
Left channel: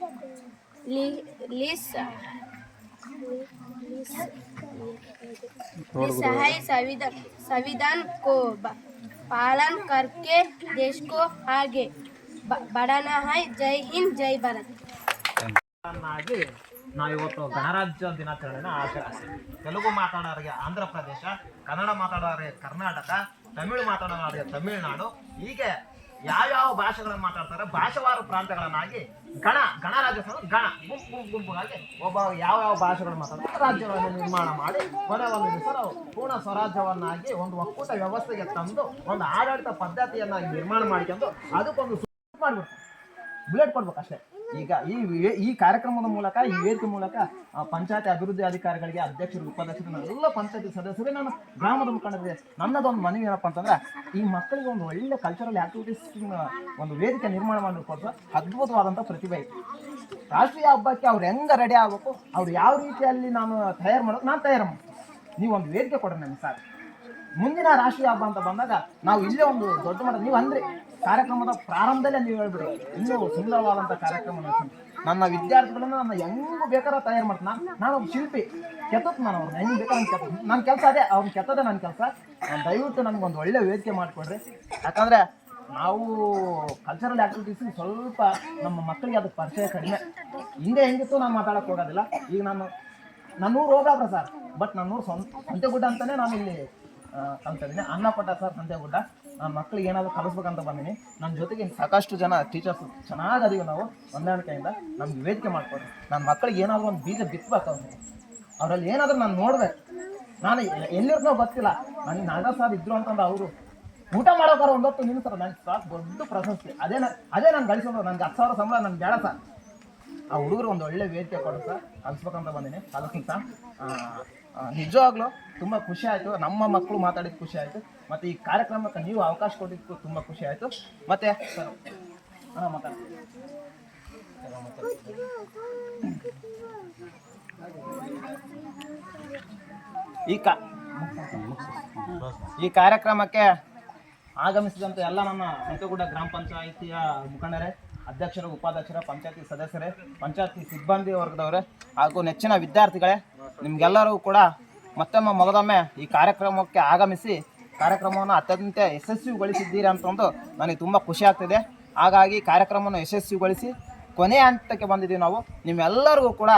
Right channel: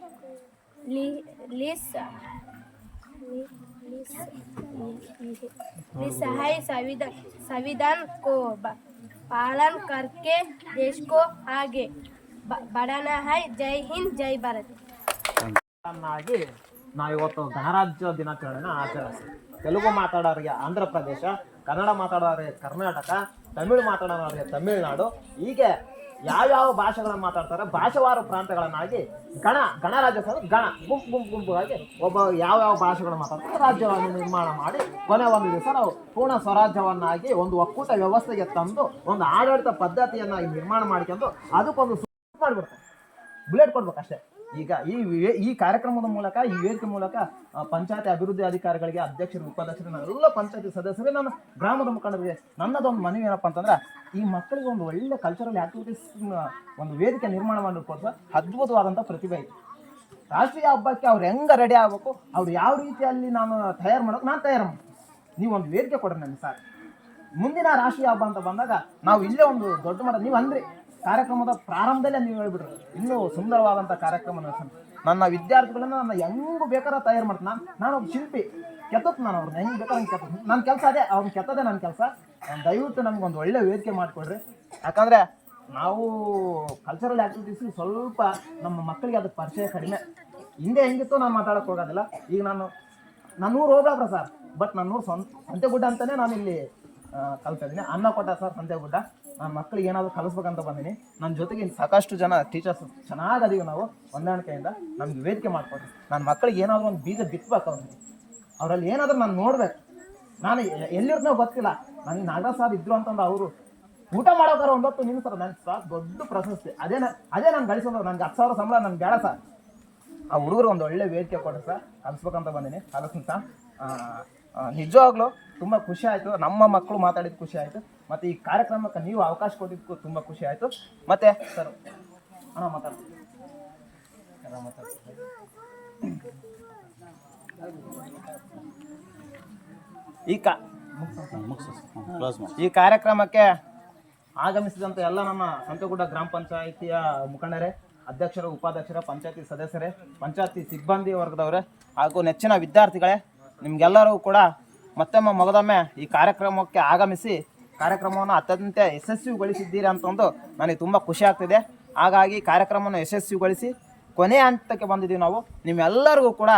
संविधान को पालन करके देश को आगे बढ़ाना है। जय हिंद, जय भारत. ನಾವಿವತ್ತು ಗಣರಾಜ್ಯ ದಿನಾಚರಣೆನ ಆಚರಿಸ್ತೀವಿ. ತೆಲುಗು ಮಾತಾಡೋರಿಗೆ ಆಂಧ್ರ ಪ್ರದೇಶ, ಕನ್ನಡ ಮಾತಾಡೋರಿಗೆ ಕರ್ನಾಟಕ, ತಮಿಳು ಮಾತಾಡೋರಿಗೆ ತಮಿಳುನಾಡು, ಹೀಗೆ ಯಾವ್ಯಾವ ಭಾಷೆಗಳನ್ನು ಮಾತಾಡ್ತಾರೆ ಭಾಷಾವಾರು ಪ್ರಾಂತ್ಯಗಳನ್ನಾಗಿ ಗಣರಾಜ್ಯೋತ್ಸವ ಗುಂಪುಗಾಗಿ ಒಬ್ಬ ಯಾವ್ಯಾವ ಭಾಷೆಗಳನ್ನು ಮಾತಾಡ್ತಾರೆ ರಾಜ್ಯವನ್ನು ನಿರ್ಮಾಣ ಮಾಡಿ ಕೊನೆ ಒಂದು ದಿವಸ ನಾವು ಪೂರ್ಣ ಸ್ವರಾಜ್ಯವನ್ನಾಗಿ ಒಂದು ಒಕ್ಕೂಟ ವ್ಯವಸ್ಥೆಗೆ ತಂದು ಒಂದು ಆಡಳಿತ ಪದ್ಧತಿಯನ್ನಾಗಿ ನಿರ್ಮಾಣ ಮಾಡ್ಕೊಂಡು ಅದಕ್ಕೊಂದು ಮಾಡಿಬಿಡ್ತಾರೆ, ಬುಲೆಟ್ ಕೊಡ್ಬೇಕಷ್ಟೇ. ಈಗ ಈ ಕಾರ್ಯಕ್ರಮದ ಮೂಲಕ, ಈ ವೇದಿಕೆ ಮೂಲಕ ಪಂಚಾಯತಿ ಅಭಿವೃದ್ಧಿ ಅಧಿಕಾರಿಗಳಿಗೆ, ಅಧ್ಯಕ್ಷರು, ಉಪಾಧ್ಯಕ್ಷರು, ಎಲ್ಲ ಪಂಚಾಯತಿ ಸದಸ್ಯರಿಗೆ, ನಾನು ಗ್ರಾಮದ ಮುಖಂಡರಿಗೆ ನನ್ನದೊಂದು ಮನವಿ ಏನಪ್ಪ ಅಂತಂದ್ರೆ, ಈ ಮಕ್ಕಳಿಗೆ ಒಂದು ಒಳ್ಳೆ ಕಲ್ಚರಲ್ ಆ್ಯಕ್ಟಿವಿಟೀಸ್ ಒಂದು ವೇದಿಕೆ ನಿರ್ಮಾಣ ಮಾಡಿಕೊಟ್ಟು ಅದ್ಭುತವಾದಂಥ ಪ್ರತಿಭೆ ಇದೆ. ರಾಷ್ಟ್ರೀಯ ಹಬ್ಬಕ್ಕೆ ಅವ್ರು ಹೆಂಗೆ ರೆಡಿ ಆಗಬೇಕು, ಅವ್ರು ಯಾವ ರೀತಿಯಲ್ಲಿ ನಾನು ತಯಾರು ಮಾಡೋದು, ನಾನು ತಯಾರು ಮಾಡ್ತೀನಿ. ನೀವು ಒಂದು ವೇದಿಕೆ ಕೊಡ್ರಿ ನನಗೆ ಸಾಕು. ಮುಂದಿನ ರಾಷ್ಟ್ರೀಯ ಹಬ್ಬ ಅಂತ ಬಂದಾಗ ನಾವು ಇಲ್ಲೇ ಒಂದು ದೊಡ್ಡ ಮಟ್ಟ ನೀವು ಅಂದರೆ ಕಾರ್ಯಕ್ರಮದ ಪ್ರಾರಂಭದಲ್ಲೇ ನೀವು ಹೇಳ್ಬಿಡ್ರಿ, ಇನ್ನೂ ಸುಂದರವಾದಂಥ ಕಾರ್ಯಕ್ರಮ ನಡೆಸ್ತೀನಿ. ನನ್ನ ವಿದ್ಯಾರ್ಥಿಗಳನ್ನ ನಾನು ಹೆಂಗೂ ಬೇಕಾದ್ರೆ ತಯಾರು ಮಾಡ್ತೀನಿ. ನಾನು ಒಬ್ಬ ಶಿಲ್ಪಿ, ಕೆತ್ತತ್ತು ನಾನು ಅವ್ರನ್ನ ಹೆಂಗೆ ಬೇಕಾದ್ರೆ ಹಂಗೆ ಕೆತ್ತ. ನನ್ನ ಕೆಲಸ ಅದೇ, ಅವ್ರನ್ನ ಕೆತ್ತದೇ ನನ್ನ ಕೆಲಸ. ದಯವಿಟ್ಟು ನಮ್ಗೊಂದು ಒಳ್ಳೆ ವೇದಿಕೆ ಮಾಡಿಕೊಡ್ರಿ. ಯಾಕಂದರೆ ನಾವು ಕಲ್ಚರಲ್ ಆ್ಯಕ್ಟಿವಿಟೀಸ್ ಸ್ವಲ್ಪ ನಮ್ಮ ಮಕ್ಕಳಿಗೆ ಅದು ಪರಿಚಯ ಕಡಿಮೆ. ಹಿಂದೆ ಹೆಂಗಿತ್ತು ನಾನು ಮಾತಾಡೋಕ್ಕೆ ಹೋಗೋದಿಲ್ಲ. ಈಗ ನನ್ನೂರು ಹೋಗ್ಲಾಬ್ರ ಸರ್, ಬಟ್ ನನ್ನೂರು ಸಂತೆಗುಡ್ಡ ಅಂತಲೇ ನಾನು ಇಲ್ಲಿ ಕಲ್ತಾ ಇದ್ದೀನಿ. ಅನ್ನ ಕೊಟ್ಟ ಸರ್ ಸಂತೆಗುಡ್ಡ. ನನ್ನ ಮಕ್ಕಳಿಗೆ ಏನಾದರೂ ಕಲಿಸ್ಬೇಕಂತ ಬಂದೀನಿ. ನನ್ನ ಜೊತೆಗೆ ಸಾಕಷ್ಟು ಜನ ಟೀಚರ್ಸ್ ಚೆನ್ನಾಗಿ ಅದೀವಿ ನಾವು ಹೊಂದಾಣಿಕೆಯಿಂದ. ನಮ್ಗೆ ವೇದಿಕೆ ಮಾಡ್ಕೊಡ್ರಿ. ನನ್ನ ಮಕ್ಕಳಿಗೆ ಏನಾದರೂ ಒಂದು ಬೀಜ ಬಿತ್ತಬೇಕು, ಅವರಲ್ಲಿ ಏನಾದರೂ ನಾನು ನೋಡ್ಬೇಕು. ನಾನು ಎಲ್ಲಿರ್ನೋ ಗೊತ್ತಿಲ್ಲ, ನನಗೆ ನಾಗರಾಜ್ ಸರ್ ಇದ್ರು ಅಂತಂದು ಅವರು ಊಟ ಮಾಡೋಕಾರ ಒಂದೊತ್ತು ನಿಲ್ಲಿಸ್ತಾರೆ, ನನಗೆ ಸಾಕು ದೊಡ್ಡ ಪ್ರಶಸ್ತಿ. ಅದೇ ನಾನು ಗಳಿಸೋದು. ನನಗೆ 10,000 ಸಂಬಳ ನನಗೆ ಬೇಡ ಸರ್. ಆ ಹುಡುಗರು ಒಂದು ಒಳ್ಳೆ ವೇದಿಕೆ ಕೊಡ್ರಿ ಸರ್, ಕಲಿಸ್ಬೇಕಂತ ಬಂದೀನಿ. ಅದಕ್ಕಿಂತ ನಿಜವಾಗ್ಲೂ ತುಂಬ ಖುಷಿ ಆಯಿತು. ನಮ್ಮ ಮಕ್ಕಳು ಮಾತಾಡಿದ್ದು ಖುಷಿ ಆಯಿತು. ಮತ್ತು ಈ ಕಾರ್ಯಕ್ರಮಕ್ಕೆ ನೀವು ಅವಕಾಶ ಕೊಟ್ಟಿದ್ದಕ್ಕೂ ತುಂಬ ಖುಷಿ ಆಯಿತು. ಮತ್ತು ಸರ್ ಮಾತಾಡ್ತೀನಿ. ಈ ಕಾರ್ಯಕ್ರಮಕ್ಕೆ ಆಗಮಿಸಿದಂಥ ಎಲ್ಲ ನಮ್ಮ ಸಂತೆಗುಡ್ಡ ಗ್ರಾಮ ಪಂಚಾಯಿತಿಯ ಮುಖಂಡರೇ, ಅಧ್ಯಕ್ಷರು, ಉಪಾಧ್ಯಕ್ಷರ, ಪಂಚಾಯತಿ ಸದಸ್ಯರೇ, ಪಂಚಾಯತಿ ಸಿಬ್ಬಂದಿ ವರ್ಗದವರೇ ಹಾಗೂ ನೆಚ್ಚಿನ ವಿದ್ಯಾರ್ಥಿಗಳೇ, ನಿಮಗೆಲ್ಲರೂ ಕೂಡ ಮಗದೊಮ್ಮೆ ಈ ಕಾರ್ಯಕ್ರಮಕ್ಕೆ ಆಗಮಿಸಿ ಕಾರ್ಯಕ್ರಮವನ್ನು ಅತ್ಯಂತ ಯಶಸ್ವಿಗೊಳಿಸಿದ್ದೀರಿ ಅಂತಂದು ನನಗೆ ತುಂಬ ಖುಷಿ ಆಗ್ತಿದೆ. ಹಾಗಾಗಿ ಕಾರ್ಯಕ್ರಮವನ್ನು ಯಶಸ್ವಿಗೊಳಿಸಿ ಕೊನೆಯ ಹಂತಕ್ಕೆ ಬಂದಿದ್ದೀವಿ ನಾವು. ನಿಮ್ಮೆಲ್ಲರಿಗೂ ಕೂಡ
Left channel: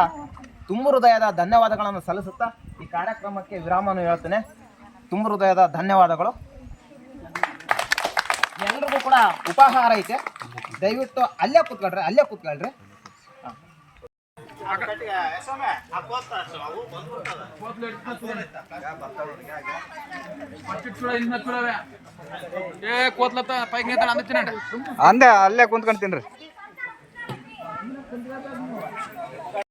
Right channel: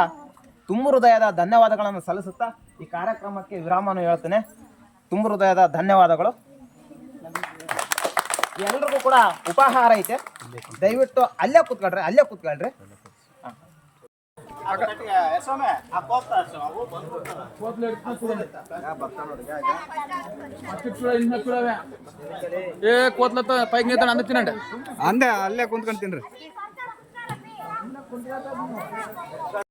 ತುಂಬ ಹೃದಯದ ಧನ್ಯವಾದಗಳನ್ನು ಸಲ್ಲಿಸುತ್ತಾ ಈ ಕಾರ್ಯಕ್ರಮಕ್ಕೆ ವಿರಾಮವನ್ನು ಹೇಳ್ತೇನೆ. ತುಂಬ ಹೃದಯದ ಧನ್ಯವಾದಗಳು. ಎಲ್ರಿಗೂ ಕೂಡ ಉಪಹಾರ ಐತೆ, ದಯವಿಟ್ಟು ಅಲ್ಲೇ ಕೂತ್ಕೊಳ್ರಿ. ಅಂದೆ ಅಲ್ಲೇ ಕುಂತ್ಕೊಂಡ್ ತಿನ್ರಿ.